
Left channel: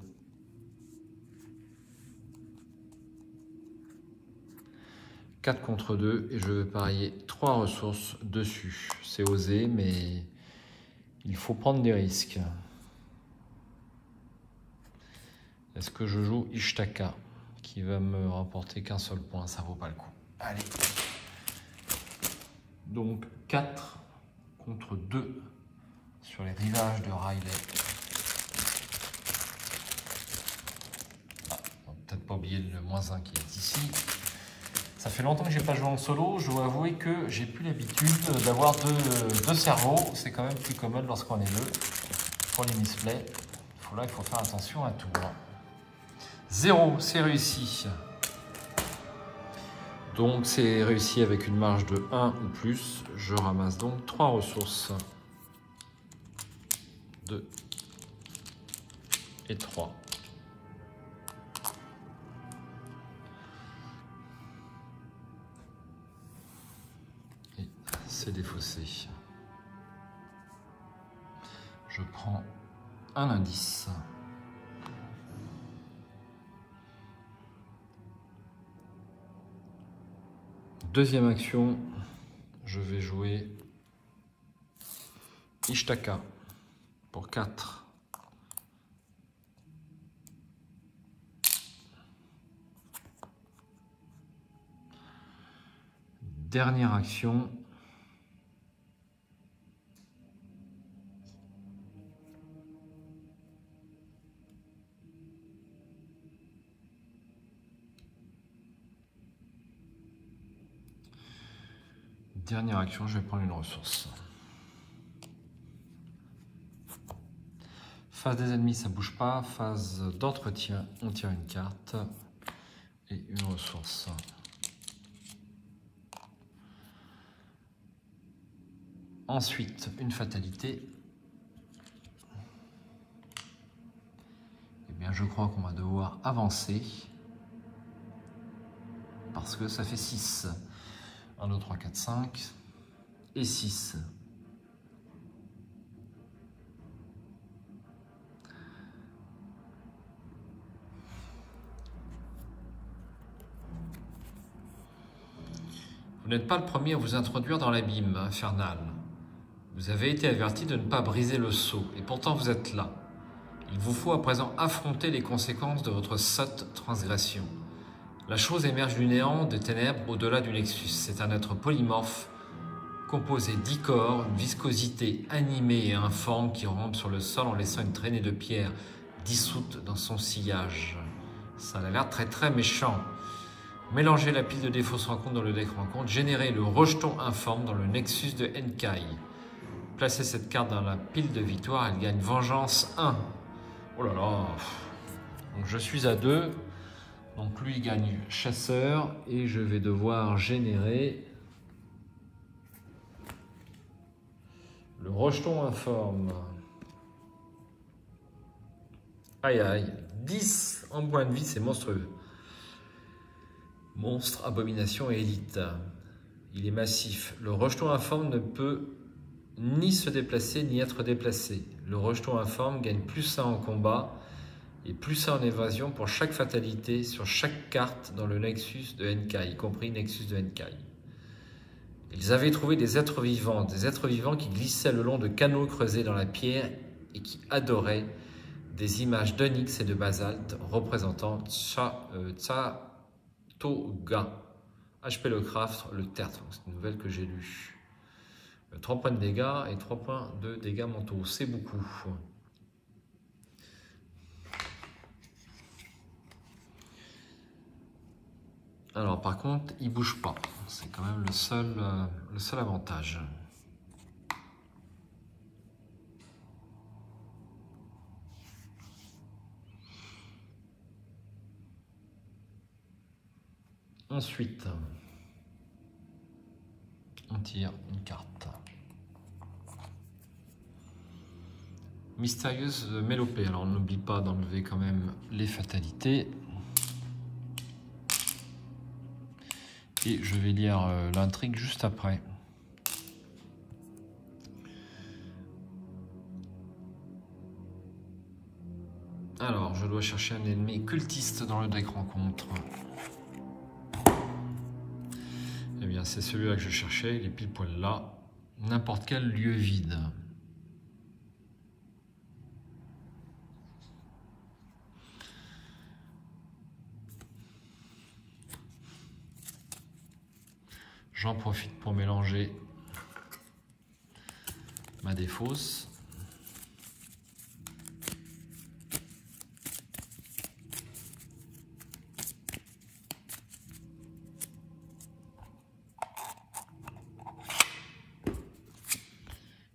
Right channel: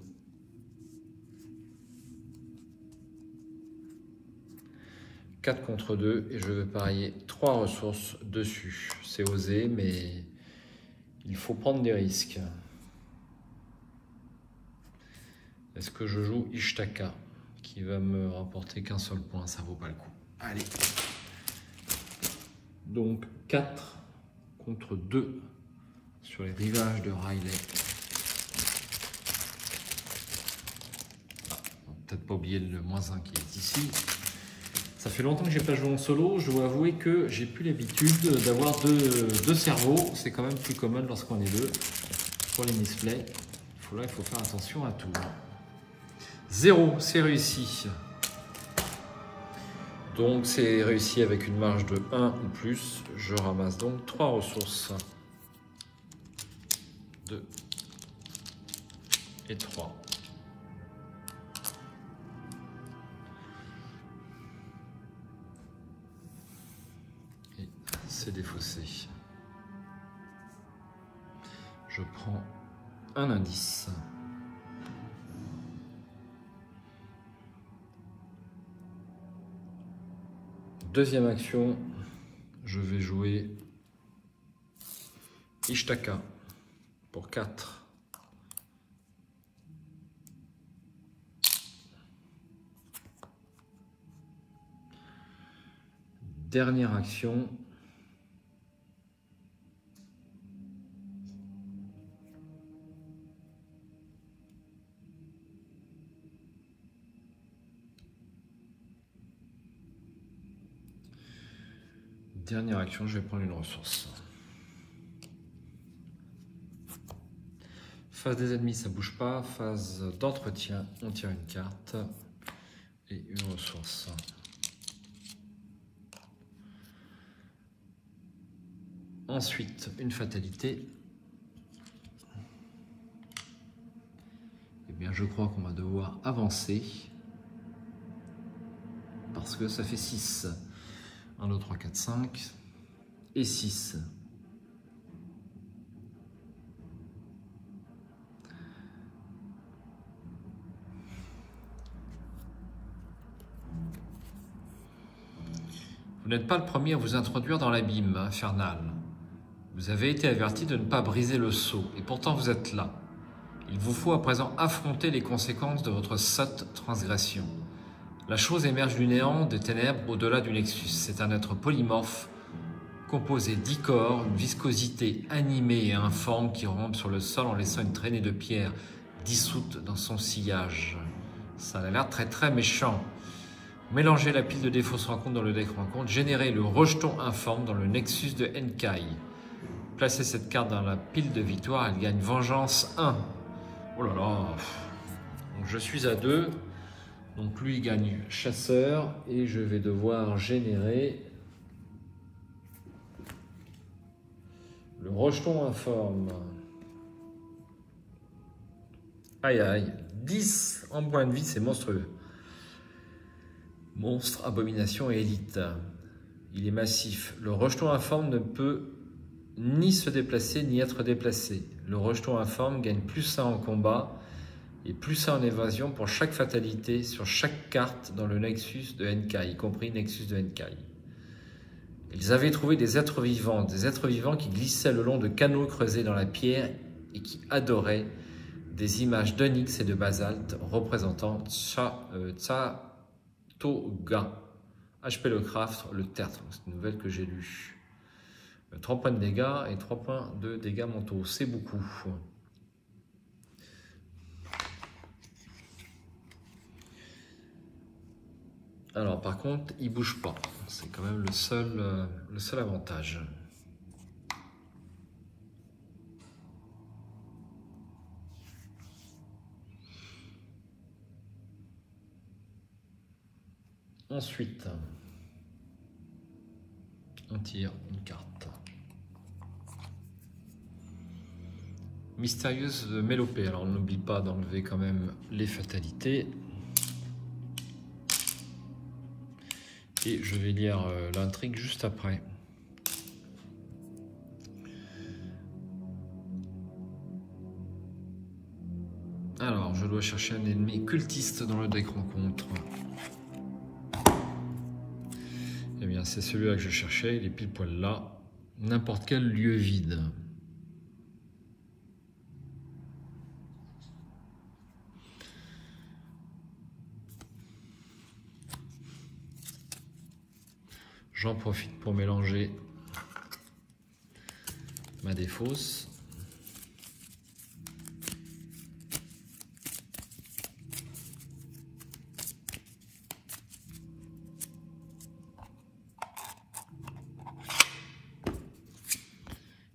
« 4 contre 2 et je vais parier 3 ressources dessus. C'est osé, mais il faut prendre des risques. Est-ce que je joue Ishtaka, qui va me rapporter qu'un seul point? Ça vaut pas le coup. Allez. Donc 4 contre 2 sur les rivages de Rayleigh. Peut-être pas oublier le -1 qui est ici. Ça fait longtemps que j'ai pas joué en solo. Je dois avouer que j'ai plus l'habitude d'avoir deux cerveaux. C'est quand même plus commode lorsqu'on est 2 pour les misplays. là, il faut faire attention à tout. 0, c'est réussi. Donc, c'est réussi avec une marge de 1 ou plus. Je ramasse donc 3 ressources. 2 et 3. Et c'est défaussé. Je prends un indice. Deuxième action, je vais jouer Ishtaka pour 4. Dernière action, je vais prendre une ressource. Phase des ennemis, ça bouge pas. Phase d'entretien, on tire une carte et une ressource. Ensuite, une fatalité. Eh bien, je crois qu'on va devoir avancer parce que ça fait 6. 1, 2, 3, 4, 5 et 6. Vous n'êtes pas le premier à vous introduire dans l'abîme infernal. Vous avez été averti de ne pas briser le sceau, et pourtant vous êtes là. Il vous faut à présent affronter les conséquences de votre sotte transgression. La chose émerge du néant, des ténèbres, au-delà du Nexus. C'est un être polymorphe, composé d'icor, une viscosité animée et informe qui rampe sur le sol en laissant une traînée de pierre dissoute dans son sillage. Ça a l'air très méchant. Mélangez la pile de défauts se rencontre dans le deck rencontre. Générez le rejeton informe dans le Nexus de Enkai. Placez cette carte dans la pile de victoire, elle gagne vengeance 1. Oh là là. Donc je suis à 2. Donc lui il gagne chasseur et je vais devoir générer le rejeton informe. Aïe aïe, 10 en point de vie, c'est monstrueux. Monstre, abomination et élite. Il est massif. Le rejeton informe ne peut ni se déplacer ni être déplacé. Le rejeton informe gagne +1 en combat et +1 en évasion pour chaque fatalité sur chaque carte dans le Nexus de Enkai, y compris Nexus de Enkai. Ils avaient trouvé des êtres vivants qui glissaient le long de canaux creusés dans la pierre et qui adoraient des images d'onyx et de basalte représentant Tsatoga. HP Lovecraft, le tertre, c'est une nouvelle que j'ai lue. 3 points de dégâts et 3 points de dégâts mentaux, c'est beaucoup. Alors par contre, il bouge pas. C'est quand même le seul avantage. Ensuite, on tire une carte. Mystérieuse mélopée. Alors n'oublie pas d'enlever quand même les fatalités. Et je vais lire l'intrigue juste après. Alors, je dois chercher un ennemi cultiste dans le deck rencontre. Eh bien, c'est celui-là que je cherchais, il est pile poil là. N'importe quel lieu vide. J'en profite pour mélanger ma défausse.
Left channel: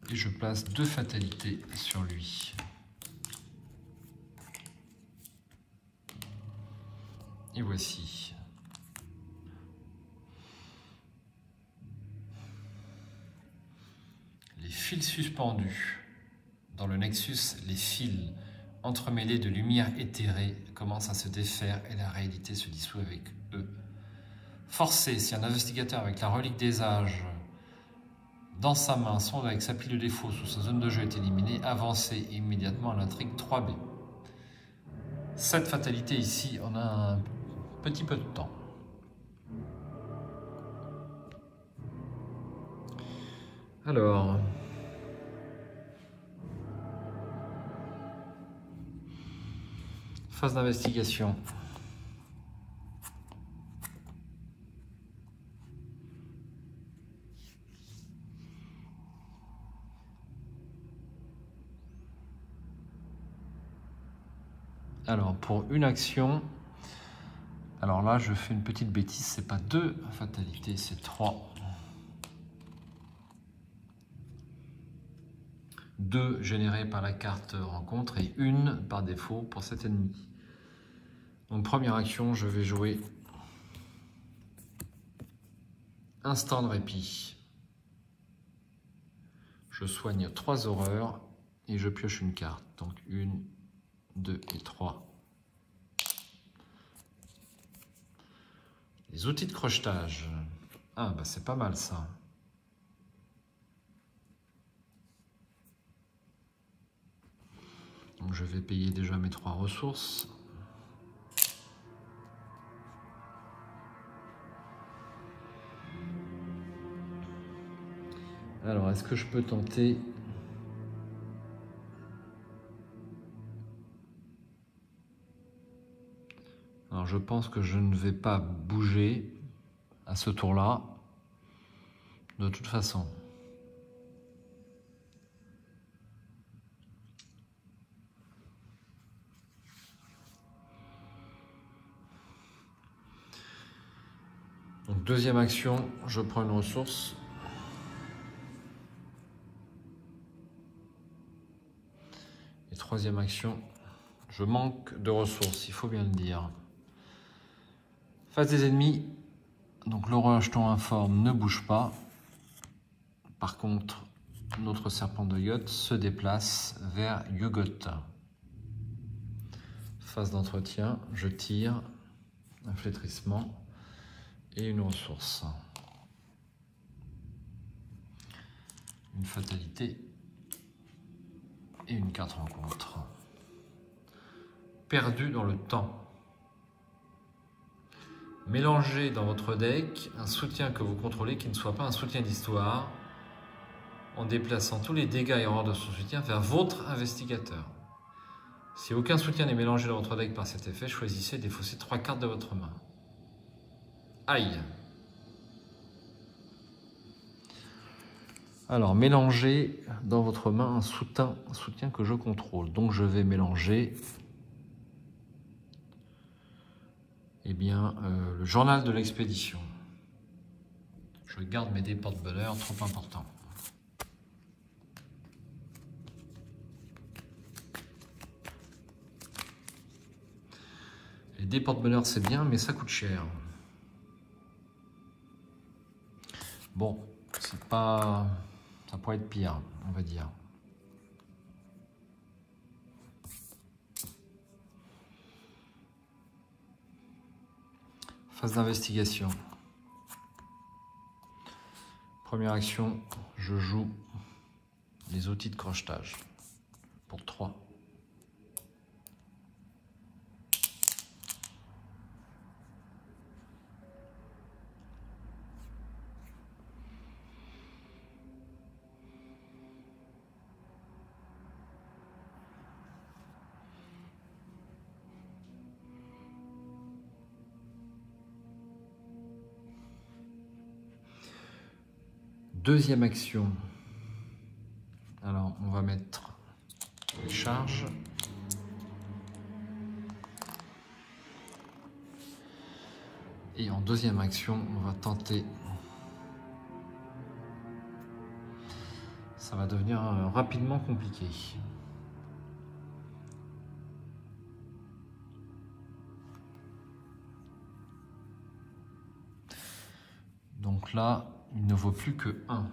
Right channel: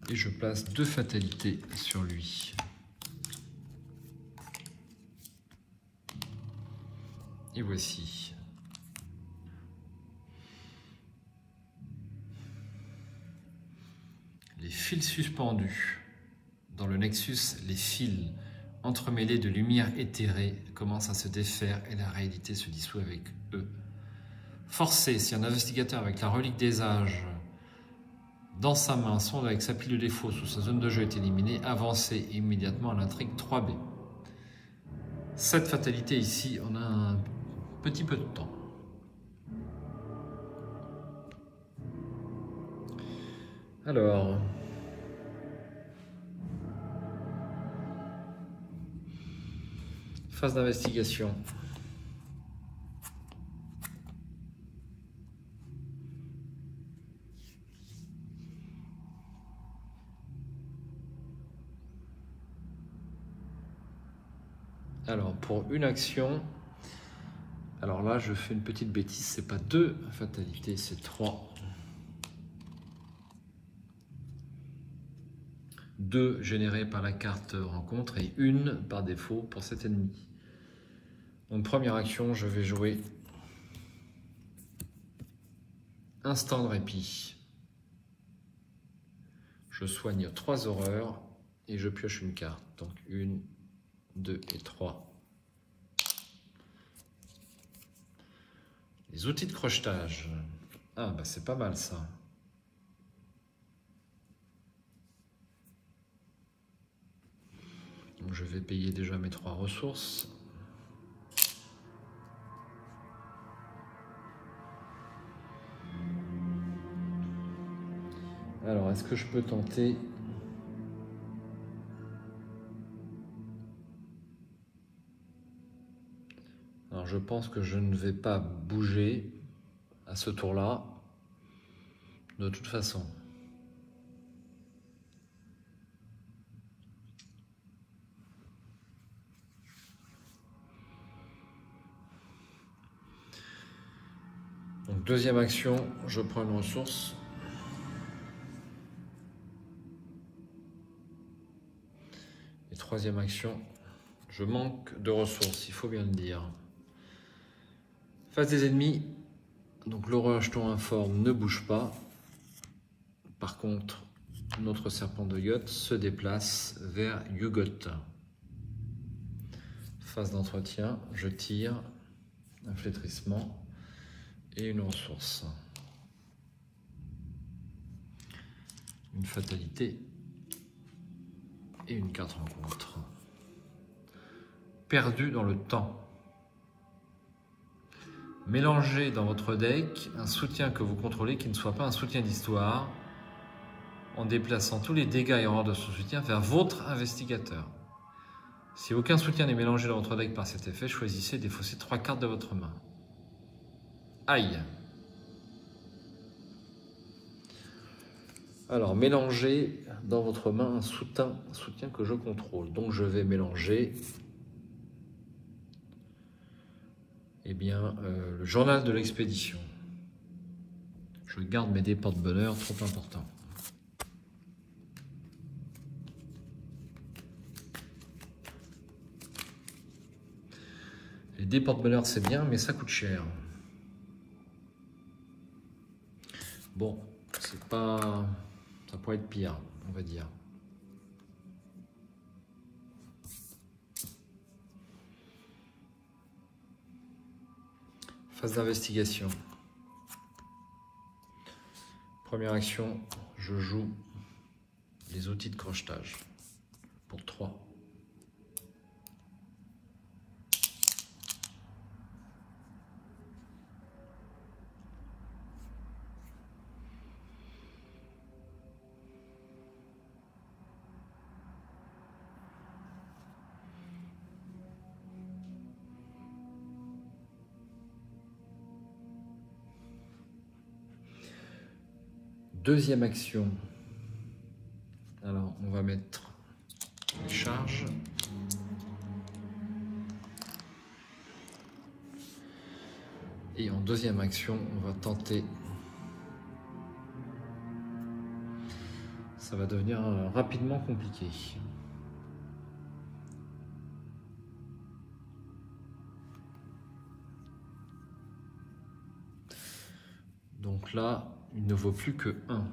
Et je place 2 fatalités sur lui. voici. Les fils suspendus. Dans le Nexus, les fils entremêlés de lumière éthérée commencent à se défaire et la réalité se dissout avec eux. Forcé, si un investigateur avec la relique des âges dans sa main, sonde avec sa pile de défaut sous sa zone de jeu est éliminé, avancez immédiatement à l'intrigue 3B. Cette fatalité ici, on a un petit peu de temps. Alors, phase d'investigation. Alors, pour une action, alors là, je fais une petite bêtise, c'est pas 2 fatalités, c'est 3. 2 générées par la carte rencontre et 1 par défaut pour cet ennemi. Donc, première action, je vais jouer instant de répit. Je soigne 3 horreurs et je pioche une carte. Donc, 1, 2 et 3. Les outils de crochetage. Ah, bah c'est pas mal ça. Donc je vais payer déjà mes 3 ressources. Alors, est-ce que je peux tenter... Alors, je pense que je ne vais pas bouger à ce tour-là, de toute façon. Donc, deuxième action, je prends une ressource. Et troisième action, je manque de ressources, il faut bien le dire. Face des ennemis, donc l'horreur jeton informe ne bouge pas. Par contre, notre serpent de yacht se déplace vers Yugot. Phase d'entretien, je tire un flétrissement et une ressource. Une fatalité et une carte rencontre. Perdu dans le temps. Mélangez dans votre deck un soutien que vous contrôlez qui ne soit pas un soutien d'histoire en déplaçant tous les dégâts et horreurs de son soutien vers votre investigateur. Si aucun soutien n'est mélangé dans votre deck par cet effet, choisissez et défaussez 3 cartes de votre main. Aïe! Alors, mélangez dans votre main un soutien que je contrôle. Donc, je vais mélanger le journal de l'expédition. Je garde mes dés porte-bonheur, trop important. Les dés porte-bonheur, c'est bien, mais ça coûte cher. Bon, c'est pas... ça pourrait être pire, on va dire. Phase d'investigation. Première action, je joue les outils de crochetage pour 3. Deuxième action, alors on va mettre les charges. Et en deuxième action, on va tenter, ça va devenir rapidement compliqué. Donc là, il ne vaut plus que 1.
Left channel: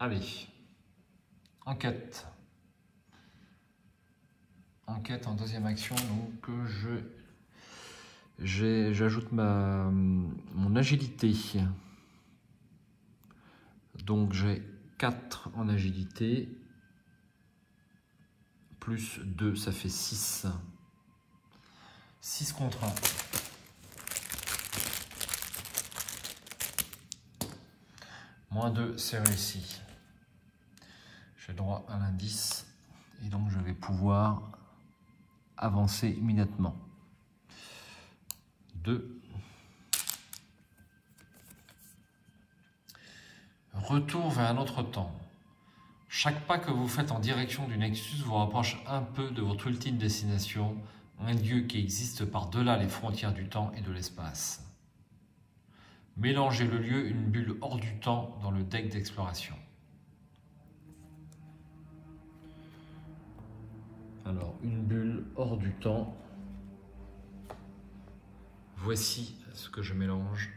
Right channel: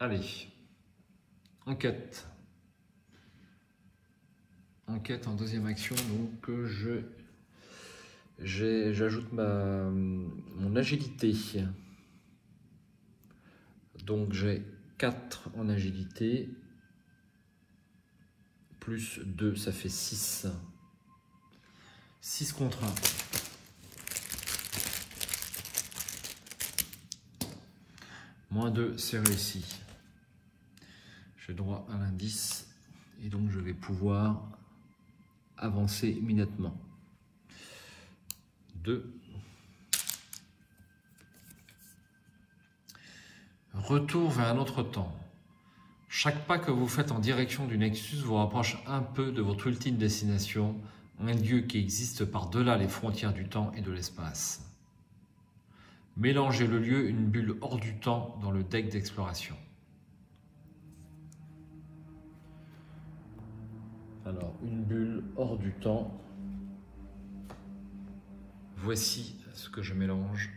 Allez, enquête. Enquête en deuxième action, donc j'ajoute mon agilité. Donc j'ai 4 en agilité, plus 2, ça fait 6. 6 contre 1. Moins 2, c'est réussi. J'ai droit à l'indice et donc je vais pouvoir avancer immédiatement. 2. Retour vers un autre temps. Chaque pas que vous faites en direction du Nexus vous rapproche un peu de votre ultime destination, un lieu qui existe par-delà les frontières du temps et de l'espace. Mélangez le lieu, une bulle hors du temps dans le deck d'exploration. Alors, une bulle hors du temps. Voici ce que je mélange.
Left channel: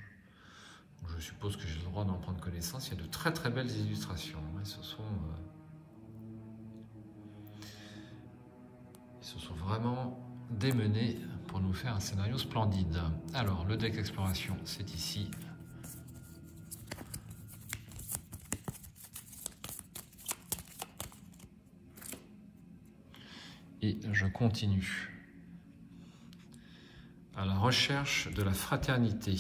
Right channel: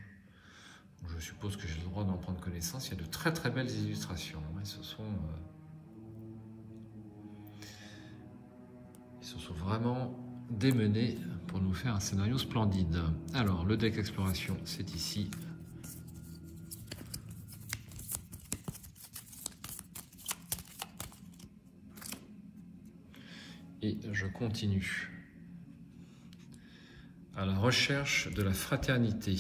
Je suppose que j'ai le droit d'en prendre connaissance. Il y a de très très belles illustrations. Ils se sont vraiment démenés pour nous faire un scénario splendide. Alors, le deck exploration, c'est ici. Et je continue. À la recherche de la fraternité.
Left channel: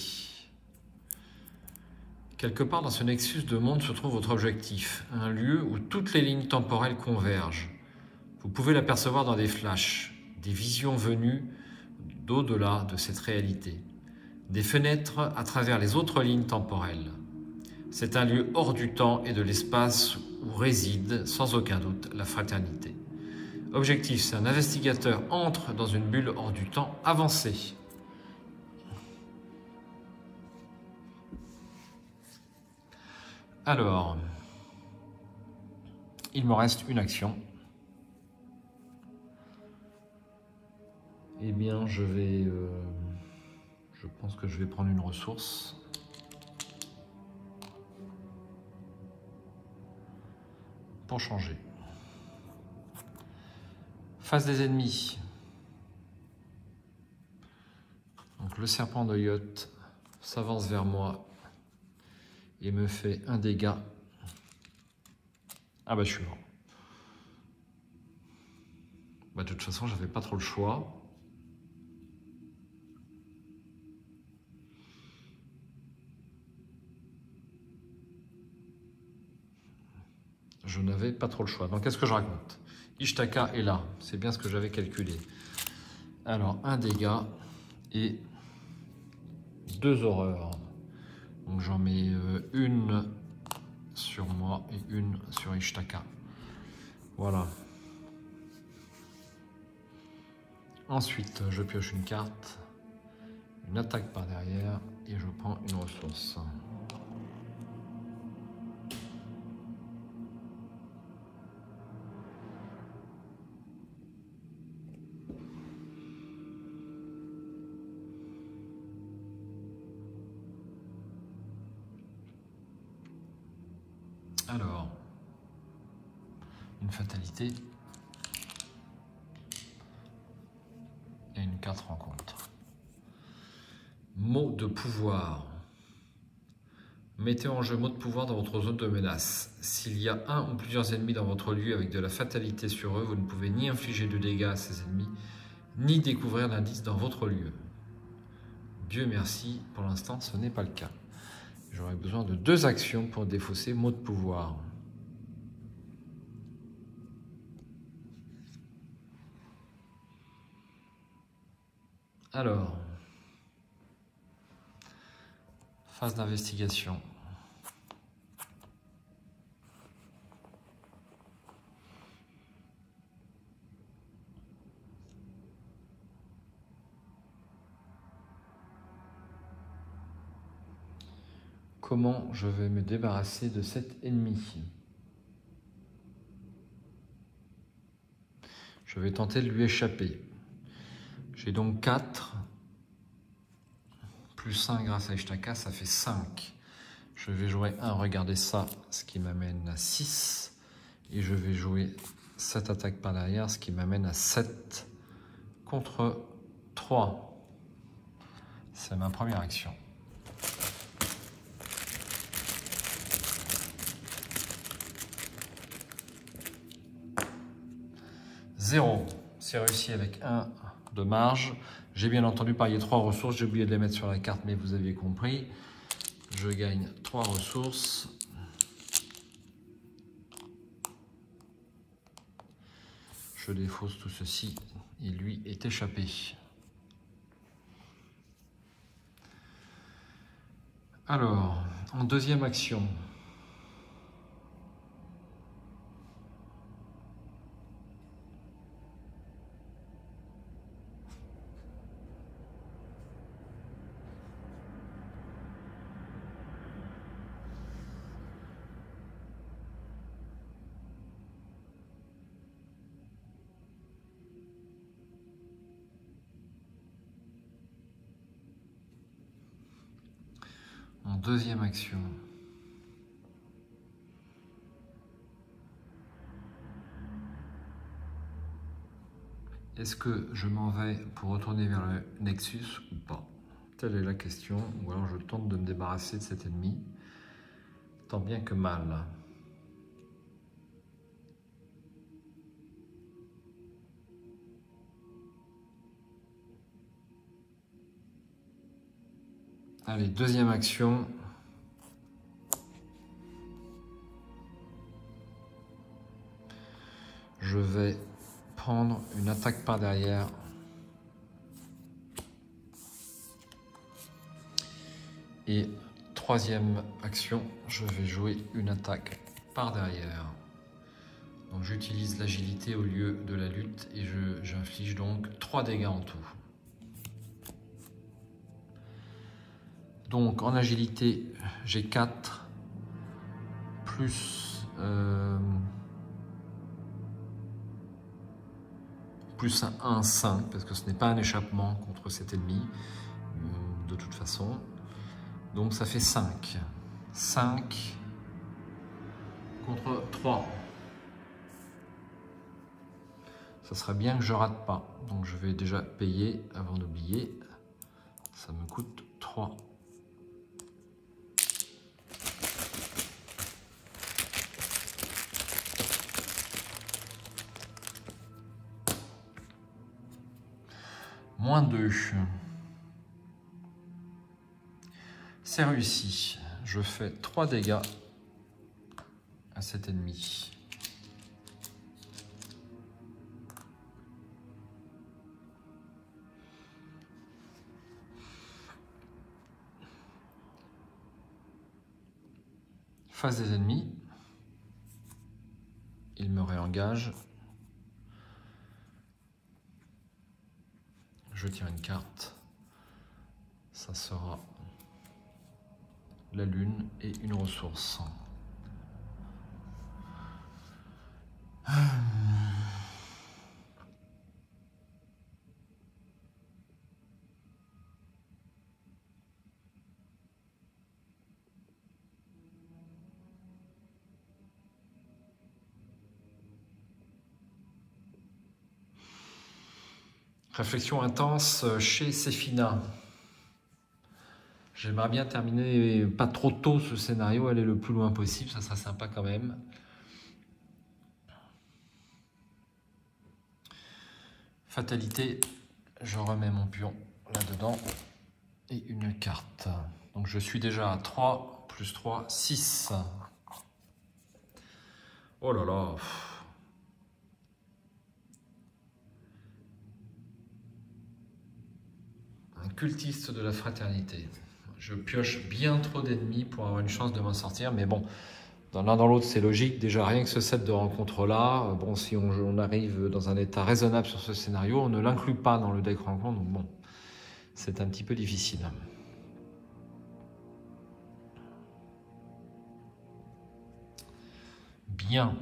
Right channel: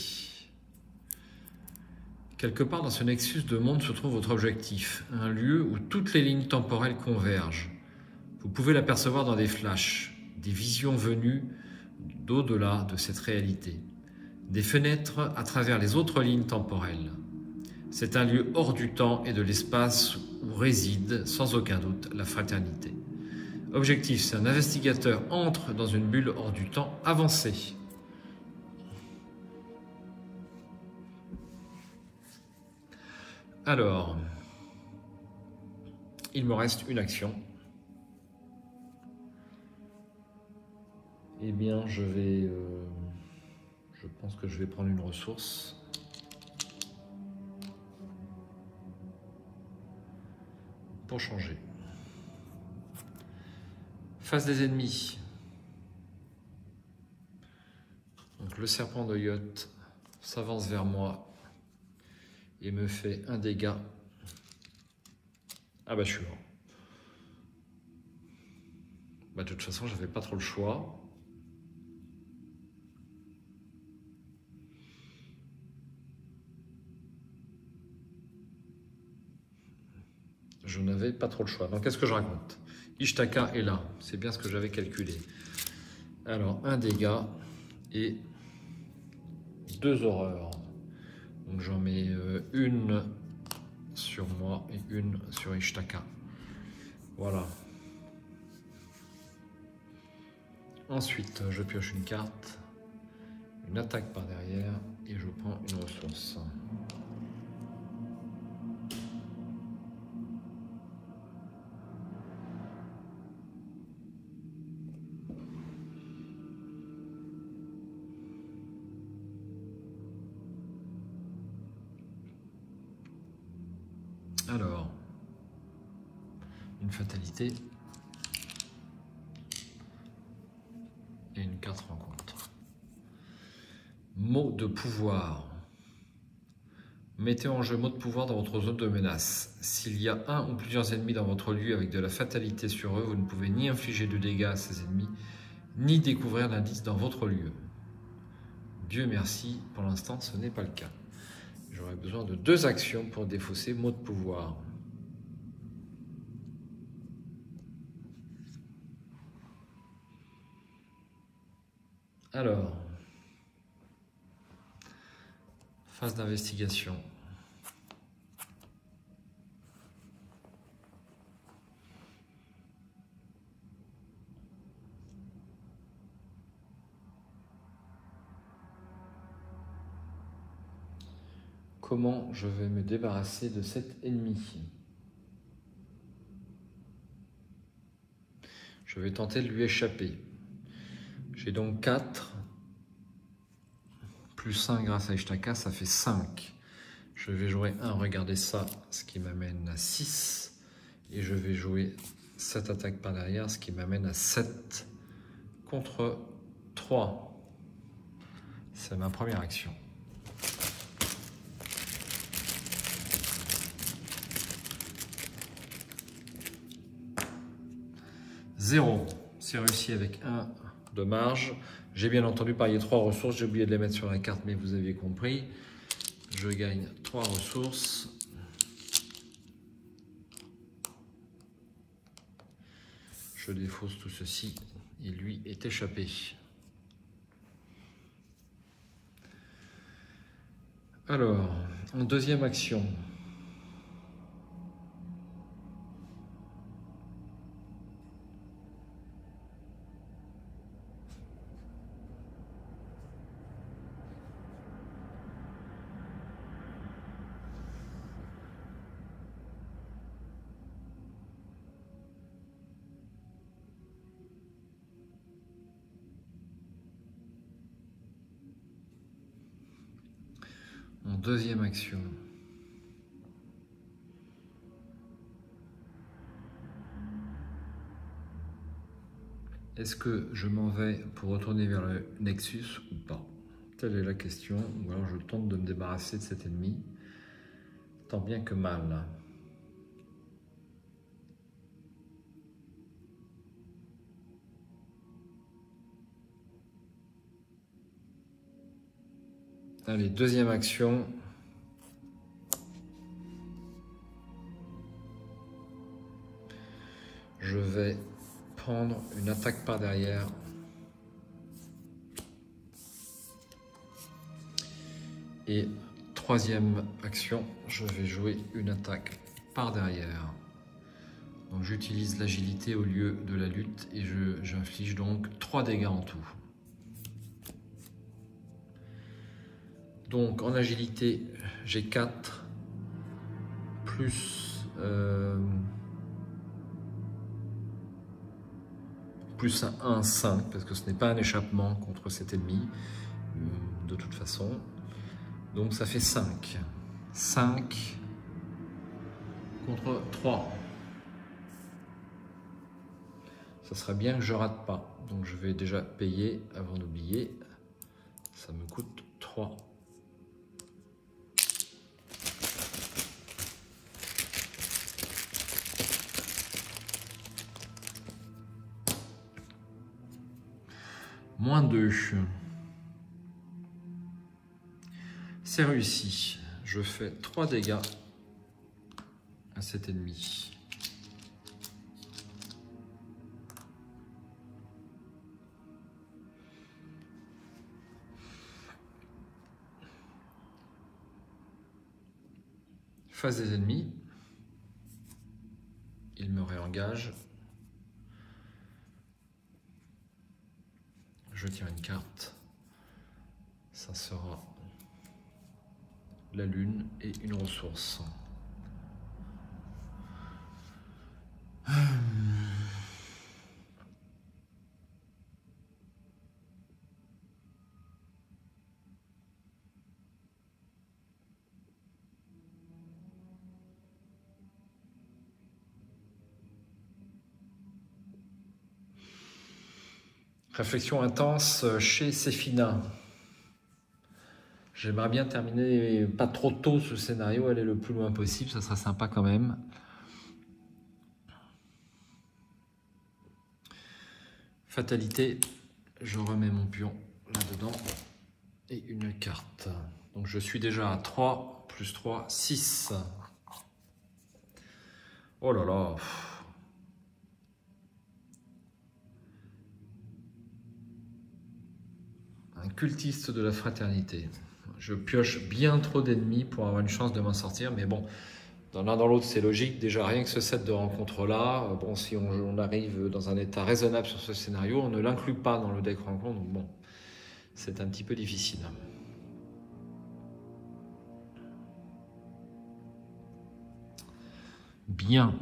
Quelque part dans ce nexus de monde se trouve votre objectif, un lieu où toutes les lignes temporelles convergent. Vous pouvez l'apercevoir dans des flashs, des visions venues d'au-delà de cette réalité, des fenêtres à travers les autres lignes temporelles. C'est un lieu hors du temps et de l'espace où réside, sans aucun doute, la fraternité. Objectif, c'est un investigateur entre dans une bulle hors du temps avancée. Alors, il me reste une action. Eh bien, je pense que je vais prendre une ressource. Pour changer. Face des ennemis. Donc le serpent de yacht s'avance vers moi et me fait un dégât. Ah bah je suis mort. Bah, de toute façon, j'avais pas trop le choix. Je n'avais pas trop le choix. Donc qu'est-ce que je raconte? Ishtaka est là. C'est bien ce que j'avais calculé. Alors un dégât et 2 horreurs. Donc j'en mets une sur moi et une sur Ishtaka. Voilà. Ensuite, je pioche une carte, une attaque par derrière et je prends une ressource. Alors, une fatalité et une carte rencontre. Mot de pouvoir. Mettez en jeu mot de pouvoir dans votre zone de menace. S'il y a un ou plusieurs ennemis dans votre lieu avec de la fatalité sur eux, vous ne pouvez ni infliger de dégâts à ces ennemis, ni découvrir l'indice dans votre lieu. Dieu merci, pour l'instant ce n'est pas le cas. J'aurais besoin de 2 actions pour défausser mot de pouvoir. Alors, phase d'investigation. comment je vais me débarrasser de cet ennemi. Je vais tenter de lui échapper. J'ai donc 4, plus 1 grâce à Ishtaka, ça fait 5. Je vais jouer 1, regardez ça, ce qui m'amène à 6. Et je vais jouer cette attaque par derrière, ce qui m'amène à 7 contre 3. C'est ma première action. Zéro. C'est réussi avec 1 de marge. J'ai bien entendu parier 3 ressources. J'ai oublié de les mettre sur la carte, mais vous aviez compris. Je gagne 3 ressources. Je défausse tout ceci. Il lui est échappé. Alors, en deuxième action. En deuxième action. Est-ce que je m'en vais pour retourner vers le Nexus ou pas? Telle est la question. Ou alors je tente de me débarrasser de cet ennemi, tant bien que mal. Allez, deuxième action. Je vais prendre une attaque par derrière. Et troisième action, je vais jouer une attaque par derrière. Donc j'utilise l'agilité au lieu de la lutte et j'inflige donc 3 dégâts en tout. Donc en agilité, j'ai 4 plus 1, 5, parce que ce n'est pas un échappement contre cet ennemi, de toute façon. Donc ça fait 5. 5 contre 3. Ça serait bien que je rate pas. Donc je vais déjà payer avant d'oublier. Ça me coûte 3. Moins 2. C'est réussi. Je fais 3 dégâts à cet ennemi. Face des ennemis. Il me réengage. Je tire une carte. Ça sera la lune et une ressource. Réflexion intense chez Séphina. J'aimerais bien terminer pas trop tôt ce scénario, aller le plus loin possible, ça serait sympa quand même. Fatalité, je remets mon pion là-dedans et une carte. Donc je suis déjà à 3, plus 3, 6. Oh là là. Un cultiste de la fraternité. Je pioche bien trop d'ennemis pour avoir une chance de m'en sortir, mais bon, dans l'un dans l'autre c'est logique. Déjà rien que ce set de rencontres-là, bon, si on arrive dans un état raisonnable sur ce scénario, on ne l'inclut pas dans le deck rencontre, donc bon, c'est un petit peu difficile. bien.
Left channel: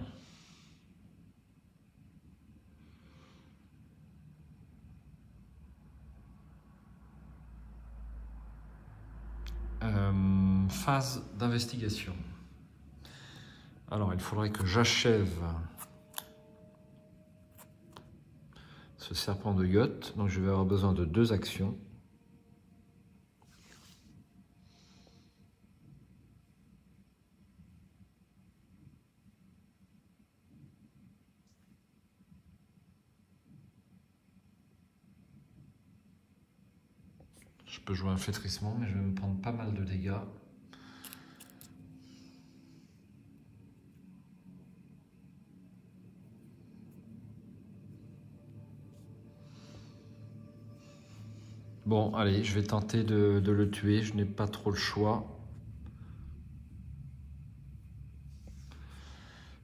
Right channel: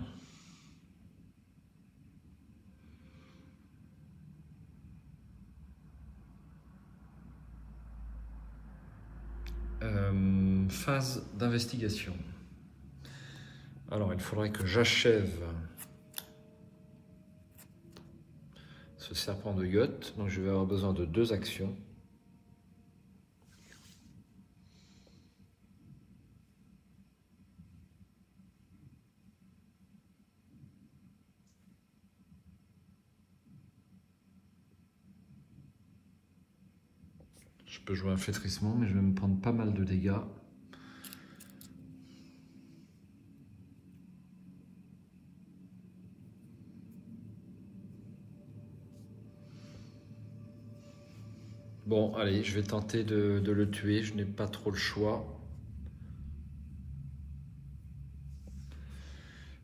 Phase d'investigation. Alors, il faudrait que j'achève ce serpent de yacht. Donc, je vais avoir besoin de 2 actions. Je peux jouer un flétrissement, mais je vais me prendre pas mal de dégâts. Bon, allez, je vais tenter de le tuer, je n'ai pas trop le choix.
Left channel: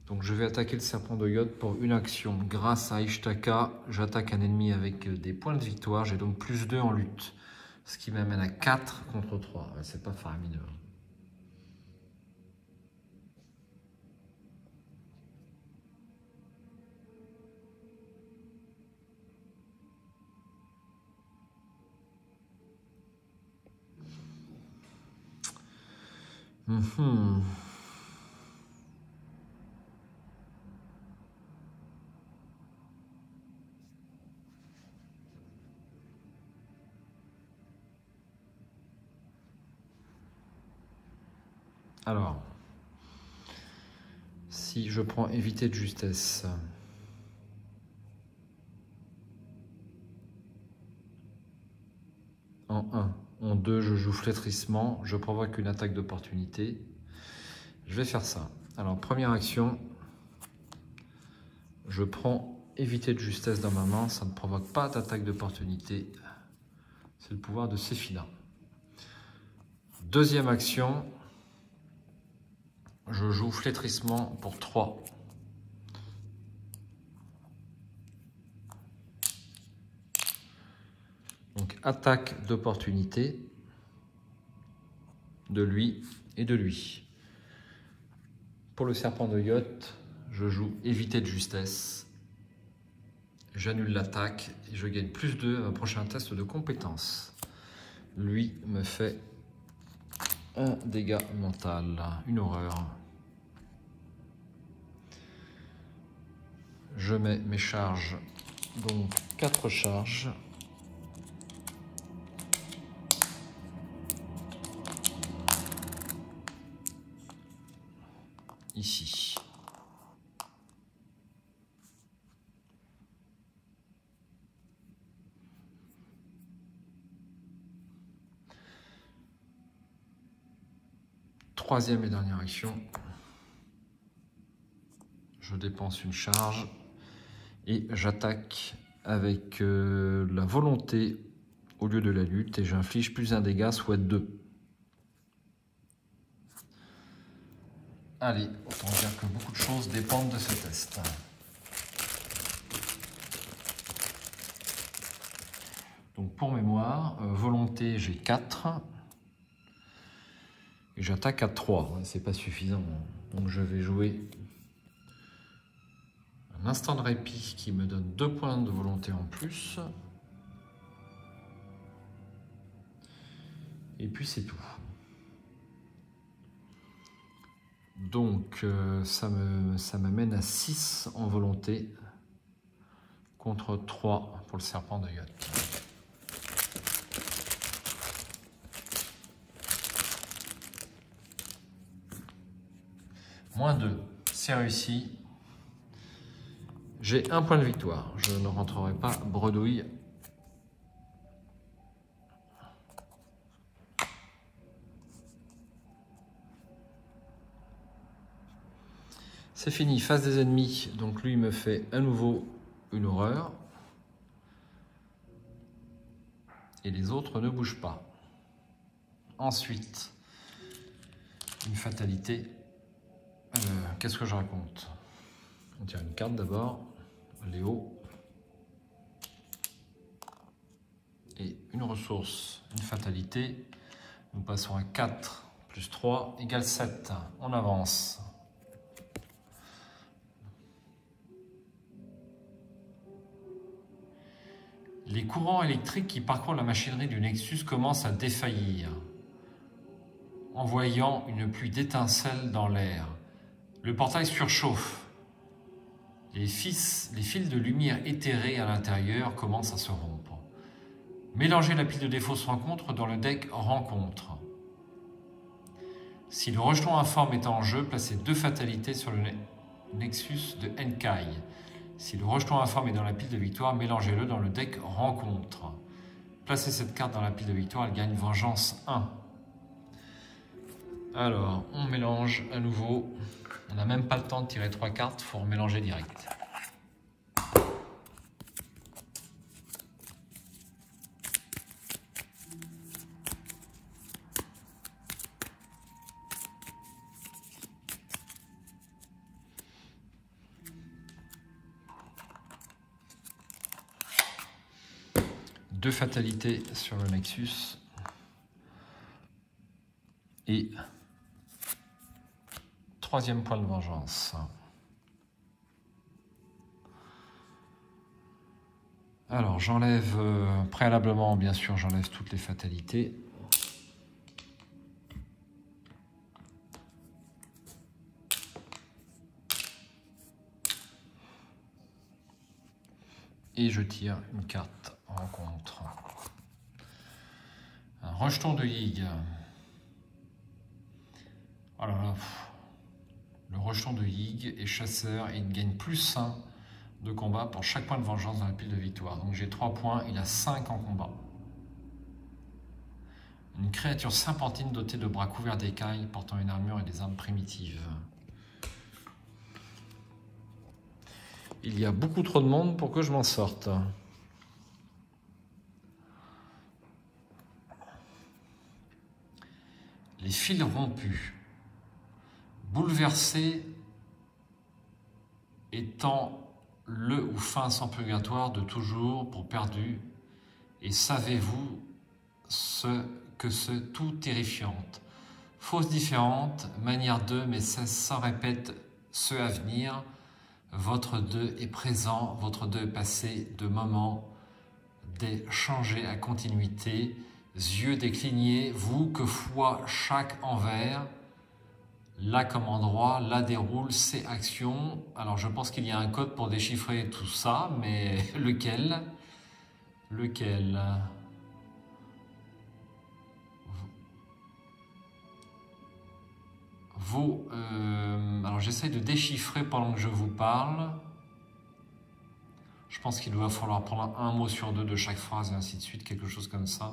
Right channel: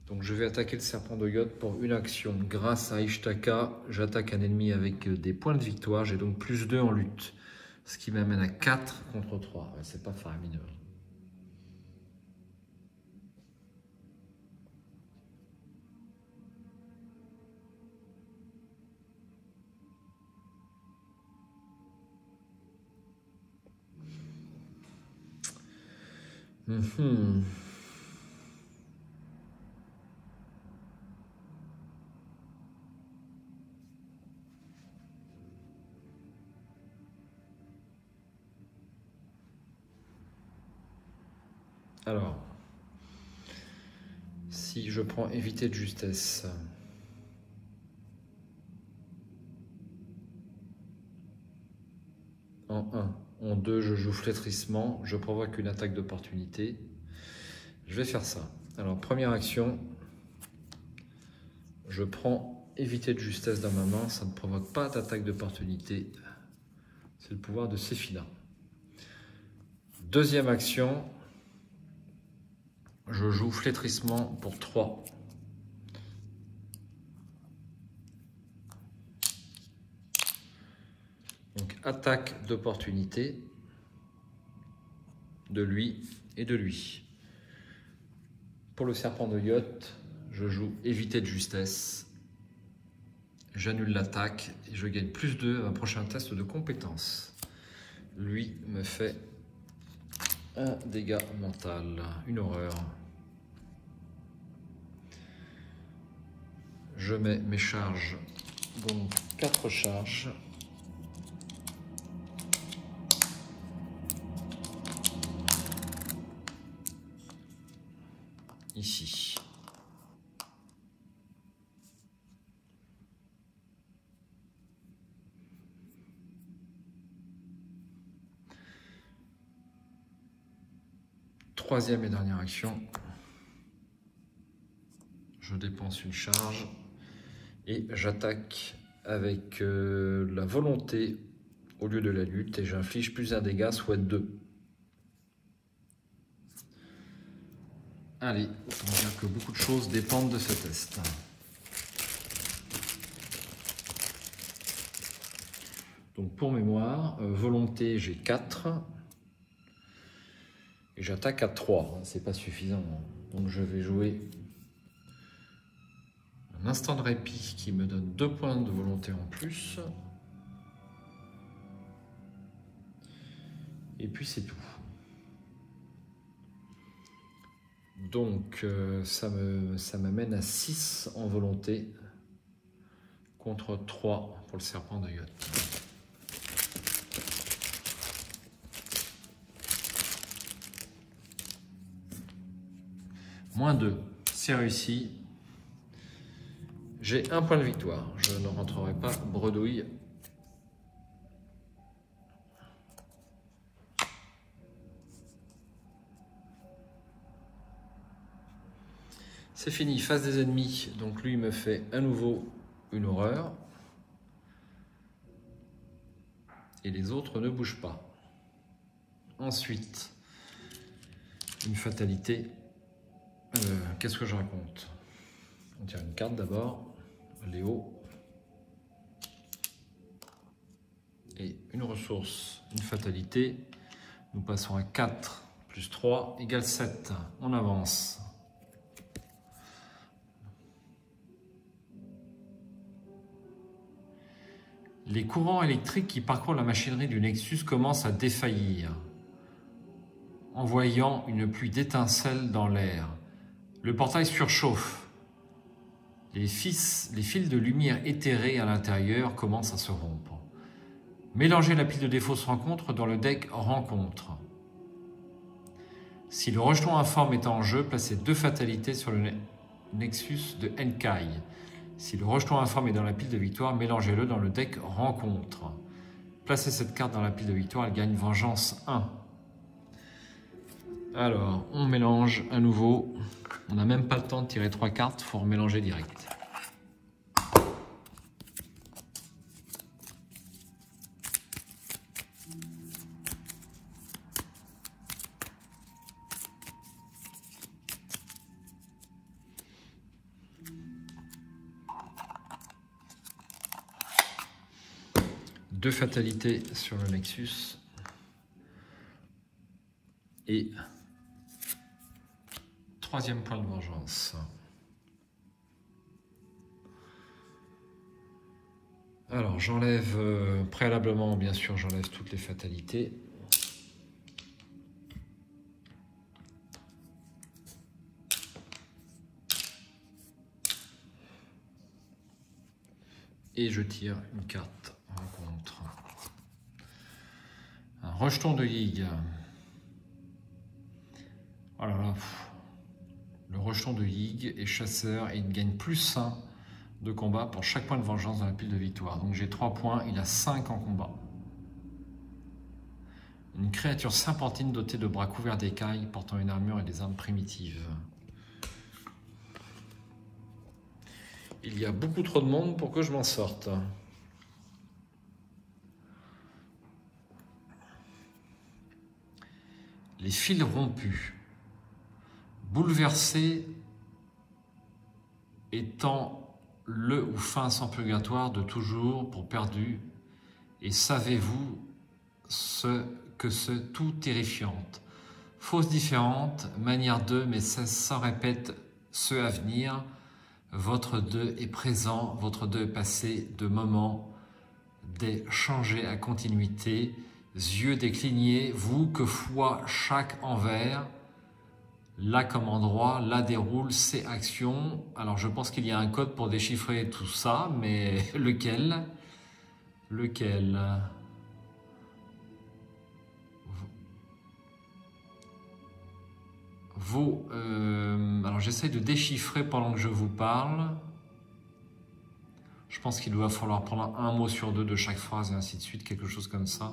Donc je vais attaquer le serpent de yacht pour une action. Grâce à Ishtaka, j'attaque un ennemi avec des points de victoire, j'ai donc +2 en lutte. Ce qui m'amène à 4 contre 3. C'est pas faramineux. Alors, si je prends éviter de justesse, en 1, en 2, je joue flétrissement, je provoque une attaque d'opportunité. Je vais faire ça. Alors, première action, je prends éviter de justesse dans ma main, ça ne provoque pas d'attaque d'opportunité. C'est le pouvoir de Séphina. Deuxième action, je joue flétrissement pour 3. Donc attaque d'opportunité de lui et de lui. Pour le serpent de yacht, je joue éviter de justesse. J'annule l'attaque et je gagne +2 à un prochain test de compétence. Lui me fait un dégât mental, une horreur. Je mets mes charges, donc 4 charges. Ici. Troisième et dernière action. Je dépense une charge et j'attaque avec la volonté au lieu de la lutte et j'inflige +1 dégât, soit 2. Allez, autant dire que beaucoup de choses dépendent de ce test. Donc pour mémoire, volonté j'ai 4 et j'attaque à 3, c'est pas suffisant. Donc je vais jouer un instant de répit qui me donne 2 points de volonté en plus. Et puis c'est tout. Donc ça m'amène à 6 en volonté contre 3 pour le serpent de yacht. -2, c'est réussi. J'ai un point de victoire. Je ne rentrerai pas bredouille. C'est fini, face des ennemis. Donc lui me fait à nouveau une horreur. Et les autres ne bougent pas. Ensuite, une fatalité. Qu'est-ce que je raconte? On tire une carte d'abord. Léo. Et une ressource, une fatalité. Nous passons à 4 plus 3 égale 7. On avance. Les courants électriques qui parcourent la machinerie du Nexus commencent à défaillir, envoyant une pluie d'étincelles dans l'air. Le portail surchauffe. Les fils de lumière éthérée à l'intérieur commencent à se rompre. Mélangez la pile de défauts rencontres dans le deck rencontre. Si le rejeton informe est en jeu, placez 2 fatalités sur le Nexus de Enkai. Si le rejeton informe est dans la pile de victoire, mélangez-le dans le deck rencontre. Placez cette carte dans la pile de victoire, elle gagne vengeance 1. Alors, on mélange à nouveau. On n'a même pas le temps de tirer 3 cartes, il faut remélanger direct. Deux fatalités sur le Nexus et 3e point de vengeance. Alors j'enlève préalablement, bien sûr, j'enlève toutes les fatalités. Et je tire une carte rencontre. Un rejeton de Yig. Oh là là. Le rejeton de Yig est chasseur et il gagne plus 1 de combat pour chaque point de vengeance dans la pile de victoire. Donc j'ai 3 points, il a 5 en combat. Une créature serpentine dotée de bras couverts d'écailles, portant une armure et des armes primitives. Il y a beaucoup trop de monde pour que je m'en sorte. Les fils rompus. Bouleversé étant le ou fin sans purgatoire de toujours pour perdu. Et savez-vous ce que c'est tout terrifiante. Fausse différente, manière de, mais ça répète ce à venir. Votre 2 est présent, votre 2 est passé de moment des changés à continuité, yeux déclinés, vous que foi chaque envers, là comme endroit, là déroule ses actions. Alors je pense qu'il y a un code pour déchiffrer tout ça, mais lequel? Lequel? Alors j'essaie de déchiffrer pendant que je vous parle. Je pense qu'il va falloir prendre un mot sur 2 de chaque phrase et ainsi de suite, quelque chose comme ça.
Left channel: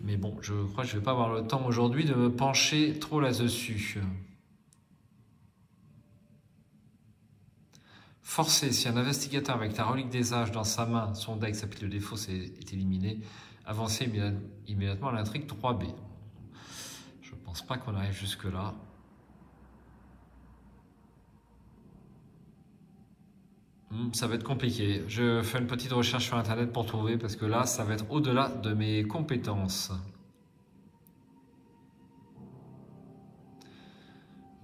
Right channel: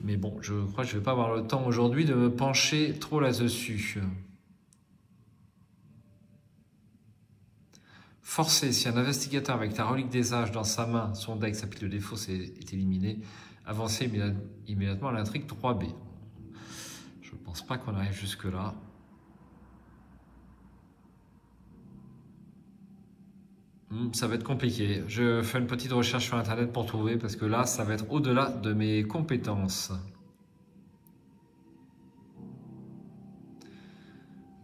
Mais bon, je crois que je ne vais pas avoir le temps aujourd'hui de me pencher trop là-dessus. Forcé, si un investigateur avec la relique des âges dans sa main, son deck, sa pile de défauts est éliminé, avancez immédiatement à l'intrigue 3B. Je ne pense pas qu'on arrive jusque-là. Ça va être compliqué. Je fais une petite recherche sur Internet pour trouver, parce que là, ça va être au-delà de mes compétences.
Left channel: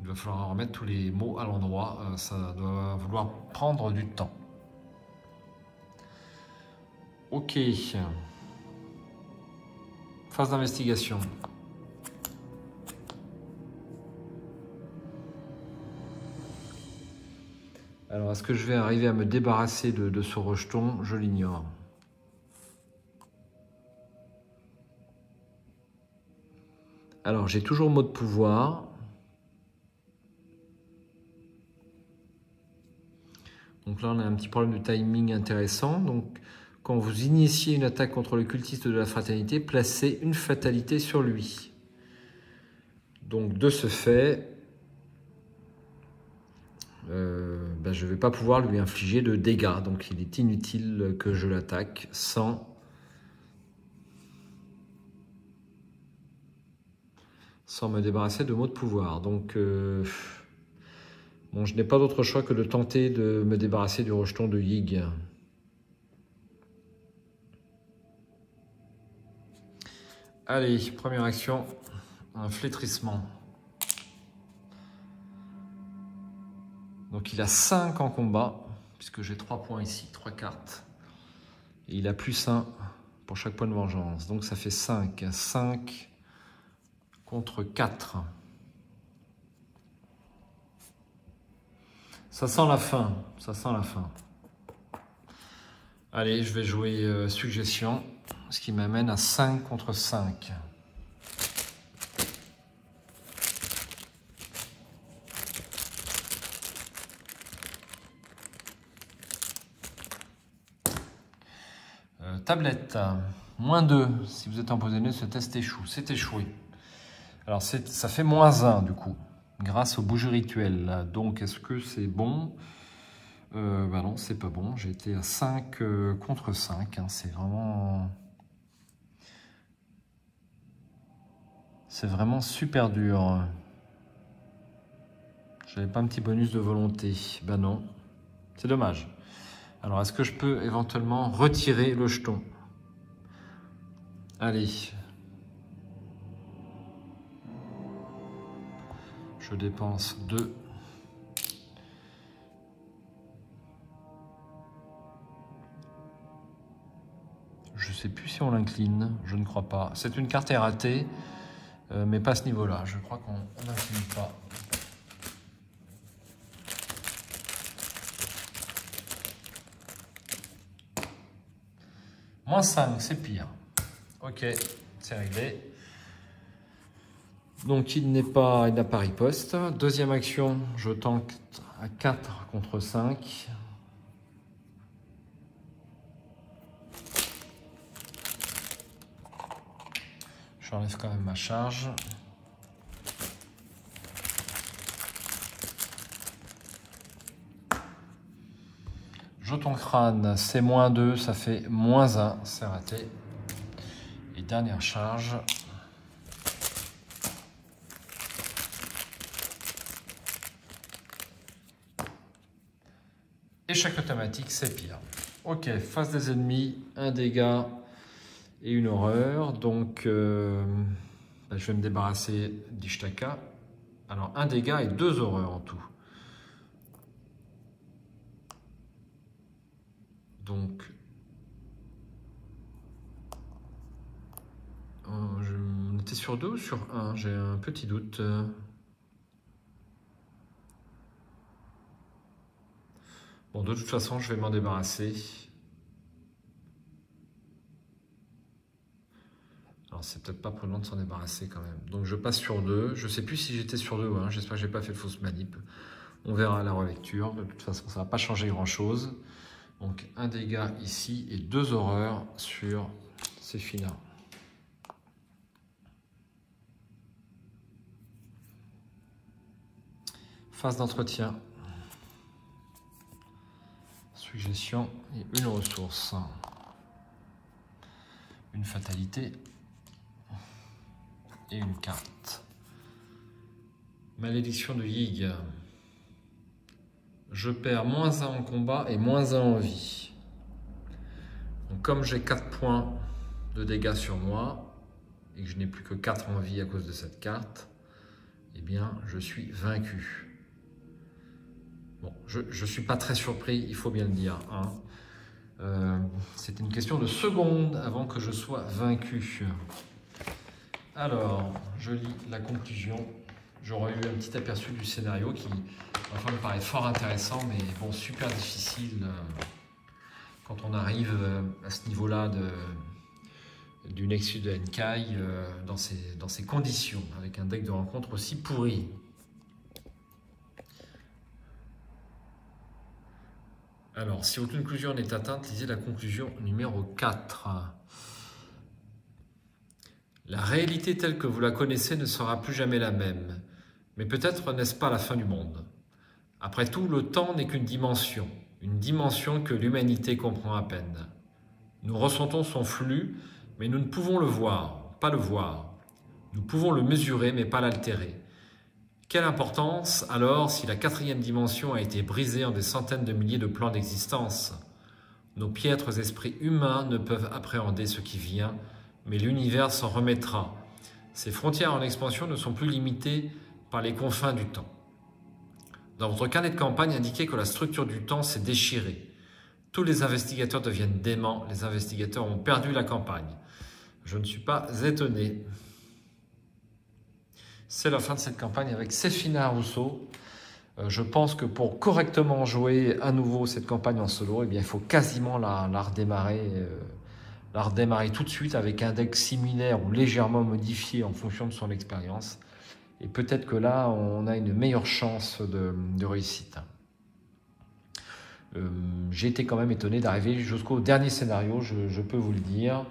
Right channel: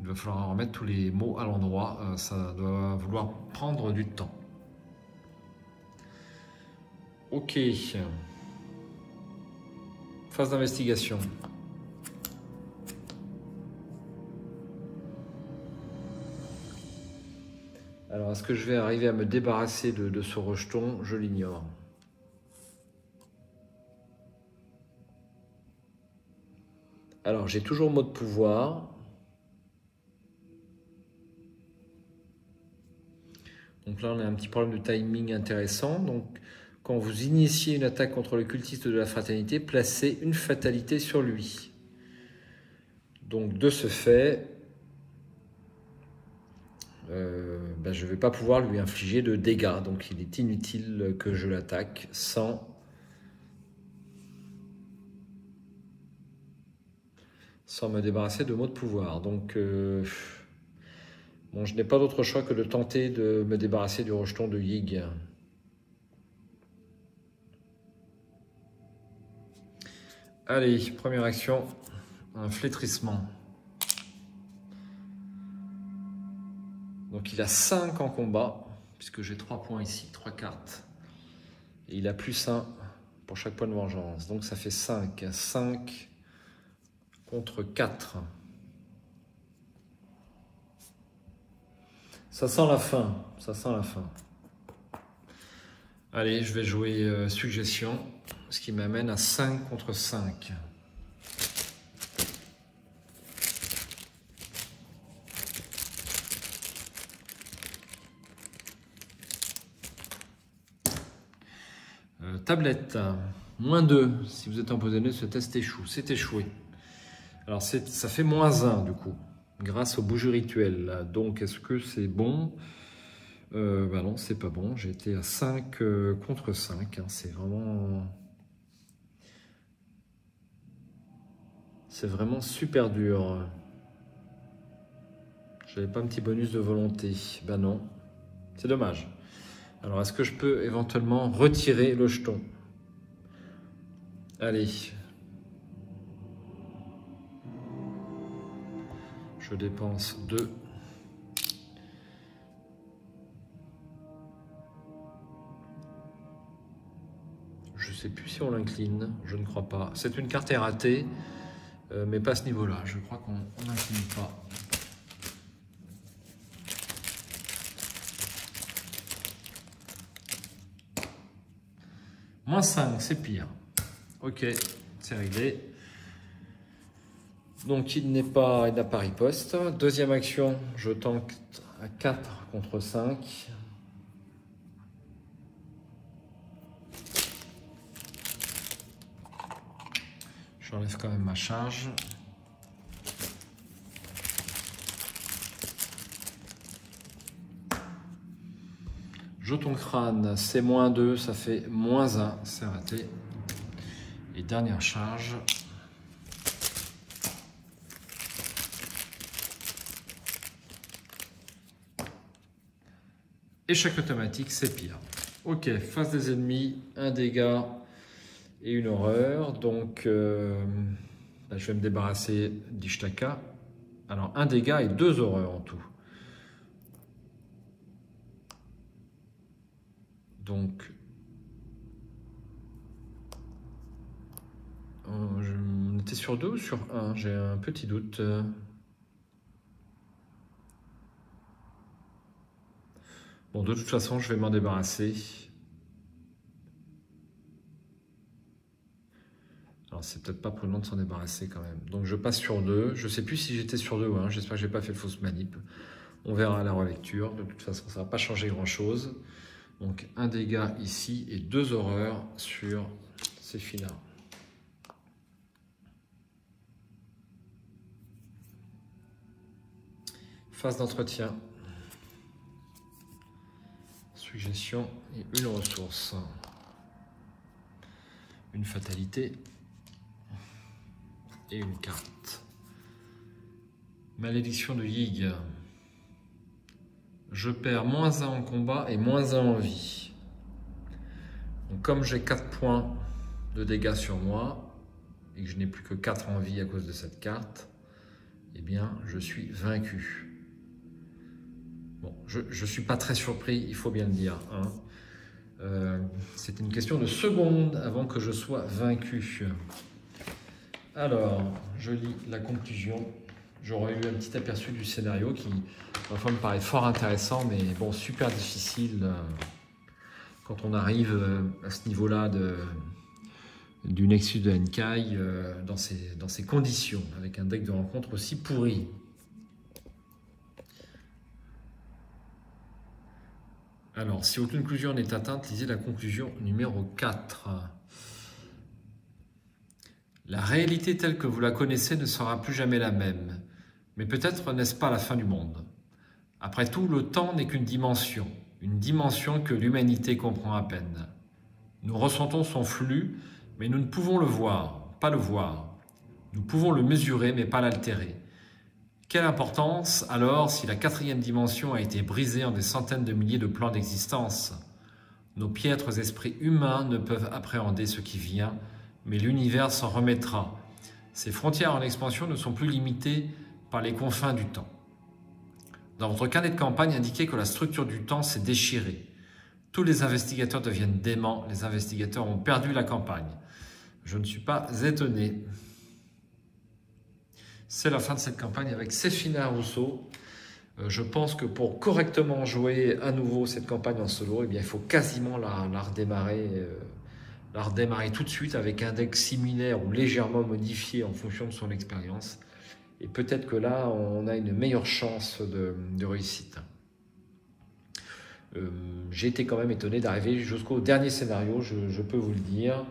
Il va falloir remettre tous les mots à l'endroit. Ça doit vouloir prendre du temps. Ok. Phase d'investigation. Alors, est-ce que je vais arriver à me débarrasser de ce rejeton? Je l'ignore. Alors, j'ai toujours mot de pouvoir. Donc là, on a un petit problème de timing intéressant. Donc, quand vous initiez une attaque contre le cultiste de la fraternité, placez une fatalité sur lui. Donc, de ce fait, je ne vais pas pouvoir lui infliger de dégâts. Donc, il est inutile que je l'attaque sans me débarrasser de mots de pouvoir. Donc, bon, je n'ai pas d'autre choix que de tenter de me débarrasser du rejeton de Yig. Allez, première action, un flétrissement. Donc il a 5 en combat, puisque j'ai 3 points ici, 3 cartes. Et il a +1 pour chaque point de vengeance. Donc ça fait 5. 5 contre 4. Ça sent la fin. Ça sent la fin. Allez, je vais jouer suggestion. Ce qui m'amène à 5 contre 5. Tablette, -2, si vous êtes empoisonné, ce test échoue. C'est échoué. Alors ça fait -1 du coup, grâce au bougie rituel. Là. Donc est-ce que c'est bon? Bah non, c'est pas bon. J'ai été à 5 contre 5. Hein. C'est vraiment super dur. J'avais pas un petit bonus de volonté. Ben non, c'est dommage. Alors, est-ce que je peux éventuellement retirer le jeton? Allez. Je dépense 2. Je ne sais plus si on l'incline. Je ne crois pas. C'est une carte ratée, mais pas à ce niveau-là. Je crois qu'on n'incline pas. -5, c'est pire. Ok, c'est réglé. Donc il n'a pas riposte. Deuxième action, je tente à 4 contre 5. Je laisse quand même ma charge. Jeton crâne, c'est -2, ça fait -1, c'est raté. Et dernière charge. Échec automatique, c'est pire. Ok, face des ennemis, un dégât et une horreur. Donc, là, je vais me débarrasser d'Ishtaka. Alors, un dégât et 2 horreurs en tout. Donc, on était sur 2 ou sur 1? J'ai un petit doute. Bon, de toute façon, je vais m'en débarrasser. Alors, c'est peut-être pas prudent de s'en débarrasser quand même. Donc, je passe sur 2. Je ne sais plus si j'étais sur 2 ou 1. J'espère que je n'ai pas fait de fausse manip. On verra à la relecture. De toute façon, ça ne va pas changer grand-chose. Donc, un dégât ici et 2 horreurs sur ces filles-là. Phase d'entretien. Suggestion et une ressource. Une fatalité. Et une carte. Malédiction de Yig. Je perds -1 en combat et -1 en vie. Donc, comme j'ai 4 points de dégâts sur moi et que je n'ai plus que 4 en vie à cause de cette carte, eh bien, je suis vaincu. Bon, je ne suis pas très surpris, il faut bien le dire. Hein. C'est une question de secondes avant que je sois vaincu. Alors, je lis la conclusion. J'aurais eu un petit aperçu du scénario qui, enfin, me paraît fort intéressant, mais bon, super difficile quand on arrive à ce niveau-là du Nexus de Henkai dans ces conditions, avec un deck de rencontre aussi pourri. Alors, si aucune conclusion n'est atteinte, lisez la conclusion numéro 4. La réalité telle que vous la connaissez ne sera plus jamais la même. Mais peut-être n'est-ce pas la fin du monde. Après tout, le temps n'est qu'une dimension que l'humanité comprend à peine. Nous ressentons son flux, mais nous ne pouvons pas le voir. Nous pouvons le mesurer, mais pas l'altérer. Quelle importance, alors, si la 4e dimension a été brisée en des centaines de milliers de plans d'existence? Nos piètres esprits humains ne peuvent appréhender ce qui vient, mais l'univers s'en remettra. Ces frontières en expansion ne sont plus limitées par les confins du temps. Dans votre carnet de campagne, indiquez que la structure du temps s'est déchirée. Tous les investigateurs deviennent déments. Les investigateurs ont perdu la campagne. Je ne suis pas étonné. C'est la fin de cette campagne avec Séphina Rousseau. Je pense que pour correctement jouer à nouveau cette campagne en solo, eh bien, il faut quasiment la redémarrer tout de suite avec un deck similaire ou légèrement modifié en fonction de son expérience. Et peut-être que là, on a une meilleure chance de réussite. J'ai été quand même étonné d'arriver jusqu'au dernier scénario, je peux vous le dire.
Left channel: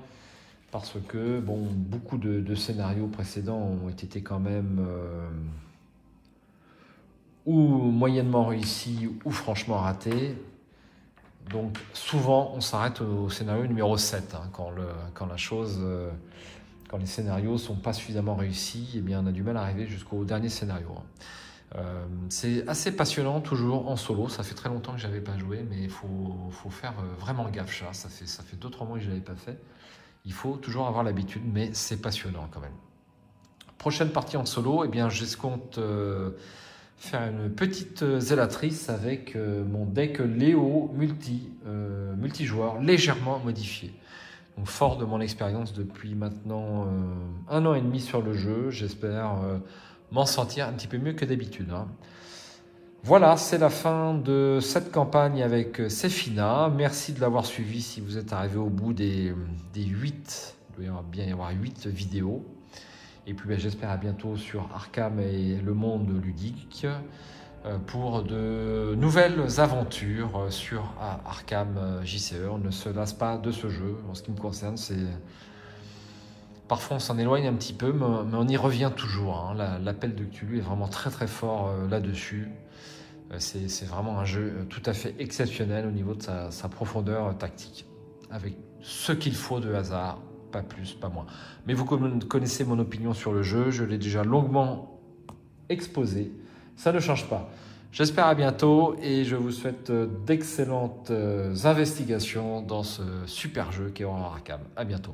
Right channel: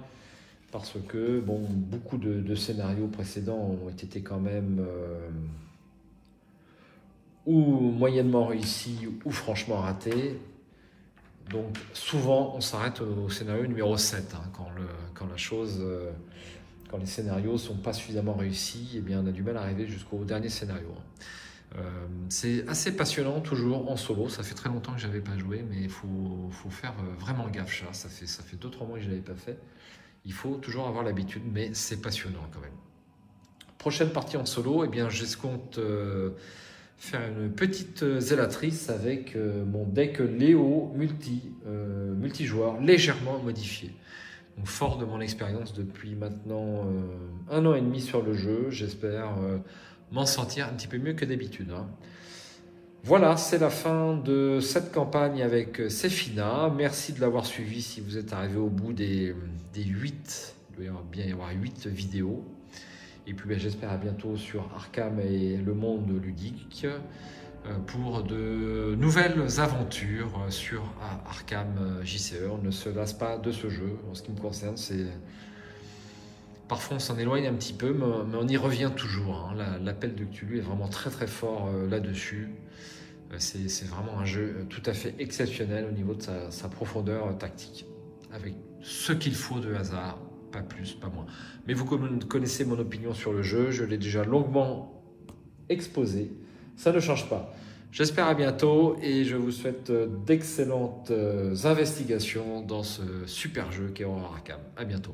Parce que bon, beaucoup de scénarios précédents ont été quand même ou moyennement réussis ou franchement ratés. Donc souvent on s'arrête au scénario numéro 7 hein, quand les scénarios ne sont pas suffisamment réussis, eh bien on a du mal à arriver jusqu'au dernier scénario. C'est assez passionnant toujours en solo, ça fait très longtemps que je n'avais pas joué, mais il faut faire vraiment gaffe, ça fait 2-3 mois que je ne l'avais pas fait. Il faut toujours avoir l'habitude, mais c'est passionnant quand même. Prochaine partie en solo, eh bien j'escompte faire une petite zélatrice avec mon deck Léo multijoueur légèrement modifié. Donc, fort de mon expérience depuis maintenant 1 an et demi sur le jeu, j'espère m'en sortir un petit peu mieux que d'habitude. Hein. Voilà, c'est la fin de cette campagne avec Séphina. Merci de l'avoir suivi si vous êtes arrivé au bout des 8. Il doit bien y avoir 8 vidéos. Et puis j'espère à bientôt sur Arkham et le monde ludique pour de nouvelles aventures sur Arkham JCE. On ne se lasse pas de ce jeu. En ce qui me concerne, parfois on s'en éloigne un petit peu, mais on y revient toujours. Hein. L'appel de Cthulhu est vraiment très très fort là-dessus. C'est vraiment un jeu tout à fait exceptionnel au niveau de sa profondeur tactique, avec ce qu'il faut de hasard, pas plus, pas moins. Mais vous connaissez mon opinion sur le jeu, je l'ai déjà longuement exposé, ça ne change pas. J'espère à bientôt et je vous souhaite d'excellentes investigations dans ce super jeu qui est Horror Arkham. À bientôt.